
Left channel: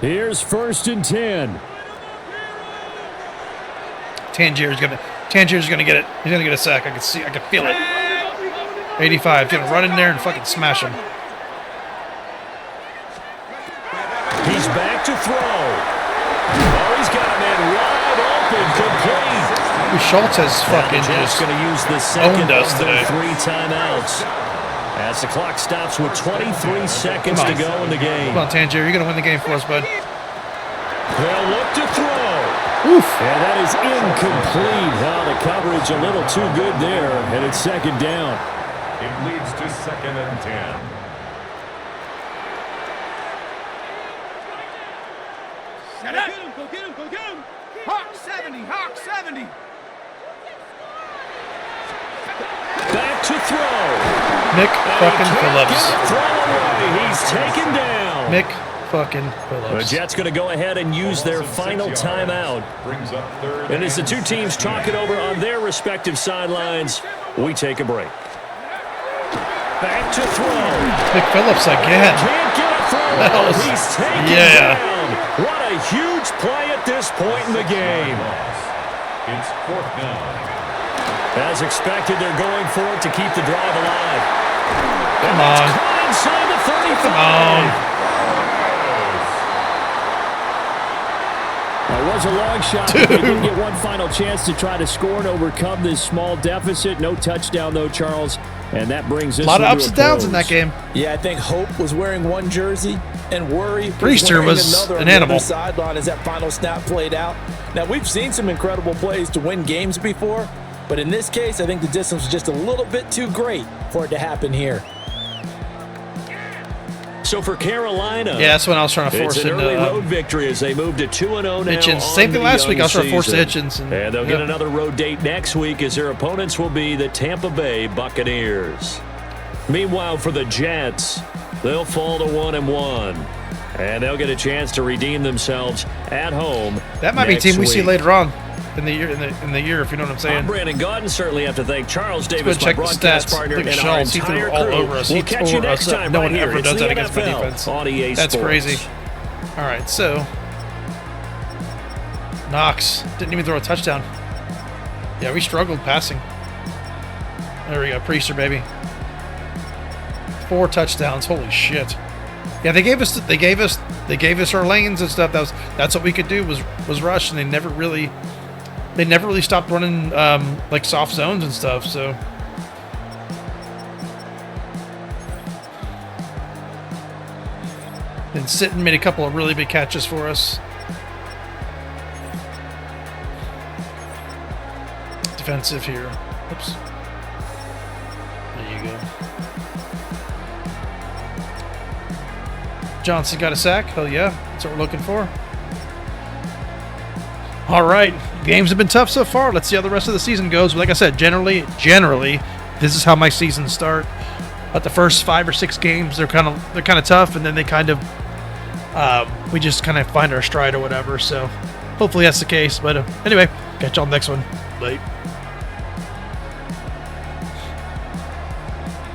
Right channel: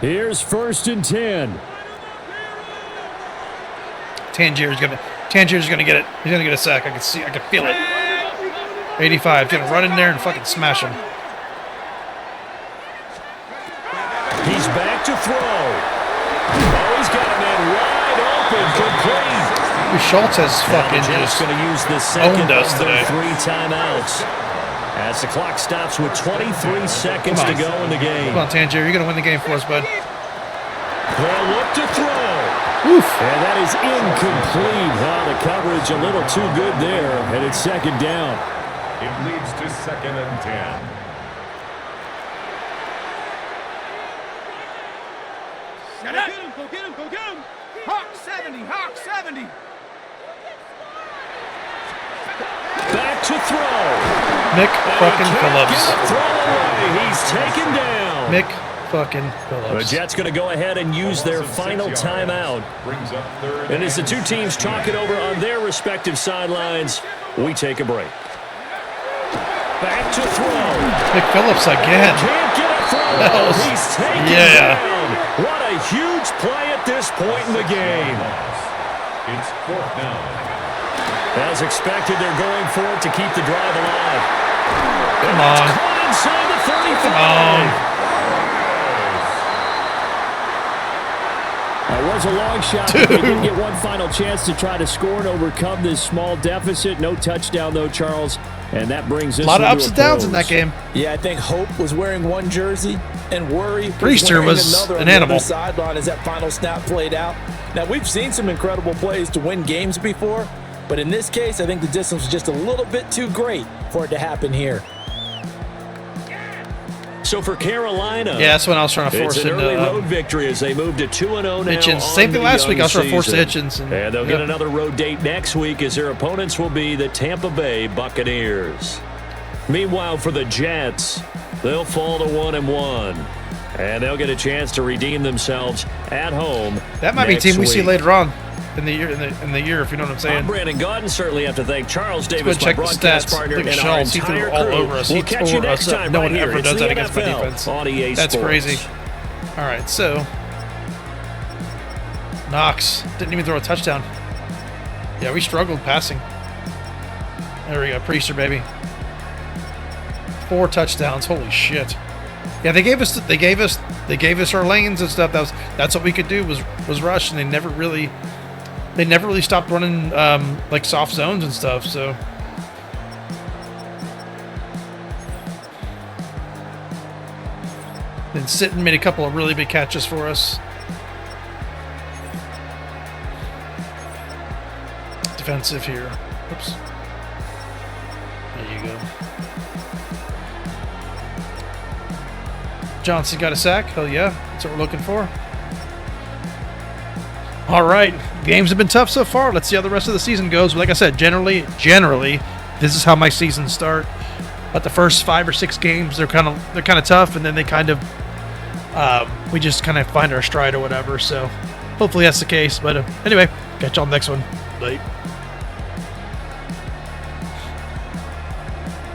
Here's 1st and 10. Tangier's gonna get it. He's gonna get a sack. I can feel it. 85. Gonna run in there and fucking smash him. He's back to throw. Oh, he's got a man wide open, complete. Schultz has fucking just going to use the owned second us of their today. 3 timeouts. As the clock stops with 23 seconds to go in the game. Come on, Tangier. You're gonna win the game for us, bud. They'll look to throw. Oof. And that is incomplete. Oh, the coverage a little too good there. And it's 2nd down. It leads to 2nd and 10. Go get him, go get him, go get him. Hawk 70, Hawk 70. Back to throw. Mick fucking Can't Phillips. get a throw away. He's taken down. Mick fucking The Phillips. Jets going to go ahead and use their final timeout. Brings up 3rd And as the 2 teams talk it over on their respective sidelines, we take a break. Back to throw. Mick Phillips again. Can't get a throw. That was- He's taken yeah. down. What a huge play at this point in the game. It's 4th down. As expected, they're going for it to keep the drive alive. Come on. Caught inside the 35. Come on. That was a long shot, but they didn't get one final chance to try to score and overcome this small deficit. No touchdown, though, Charles. And that brings us A lot of into ups a and downs in close. that game. Yeah, I think Hope was wearing one jersey and Worry Priester wearing was another an on the animal. other sideline as that final snap played out. Now, we've seen some incredible plays to win games before, but in this case, I think the distance was just a little bit too great for it to happen here. So for Carolina, Yeah, that's when I was trying to force it's an into early road victory as they move to 2-0 now. Hitchens. on Same thing the last week. I was trying to young force the season. Hitchens. And they'll get another road date next week as their opponents will be the Tampa Bay Buccaneers. Meanwhile, for the Jets, they'll fall to 1-1. And they'll get a chance to redeem themselves at home. That might be a next team we see week. later on in the year. In the year, if you know what I'm saying. I'm Brandon Gaudin. Certainly have to thank Charles Let's Davis, go my check the broadcast stats. partner, Look at and our Schultz. He entire threw all crew. over us. We'll He catch you tore next us up. time No right one here. ever It's does the that against my NFL defense. on EA That's Sports. crazy. All right, so Knox didn't even throw a touchdown. Yeah, we struggled passing. There we go, Priester, baby. 4 touchdowns. Holy shit. Yeah, they gave us our lanes and stuff. That's what we could do was rush, and they never really stopped running like soft zones and stuff. So then Sitton made a couple of really big catches for us. Defensive here. Oops. There you go. Johnson got a sack. Hell yeah. That's what we're looking for. All right. Games have been tough so far. Let's see how the rest of the season goes. But like I said, generally, this is how my seasons start. But the first 5 or 6 games, they're kind of tough, and then they we just kind of find our stride or whatever. So hopefully that's the case. But anyway, catch y'all next one. Bye.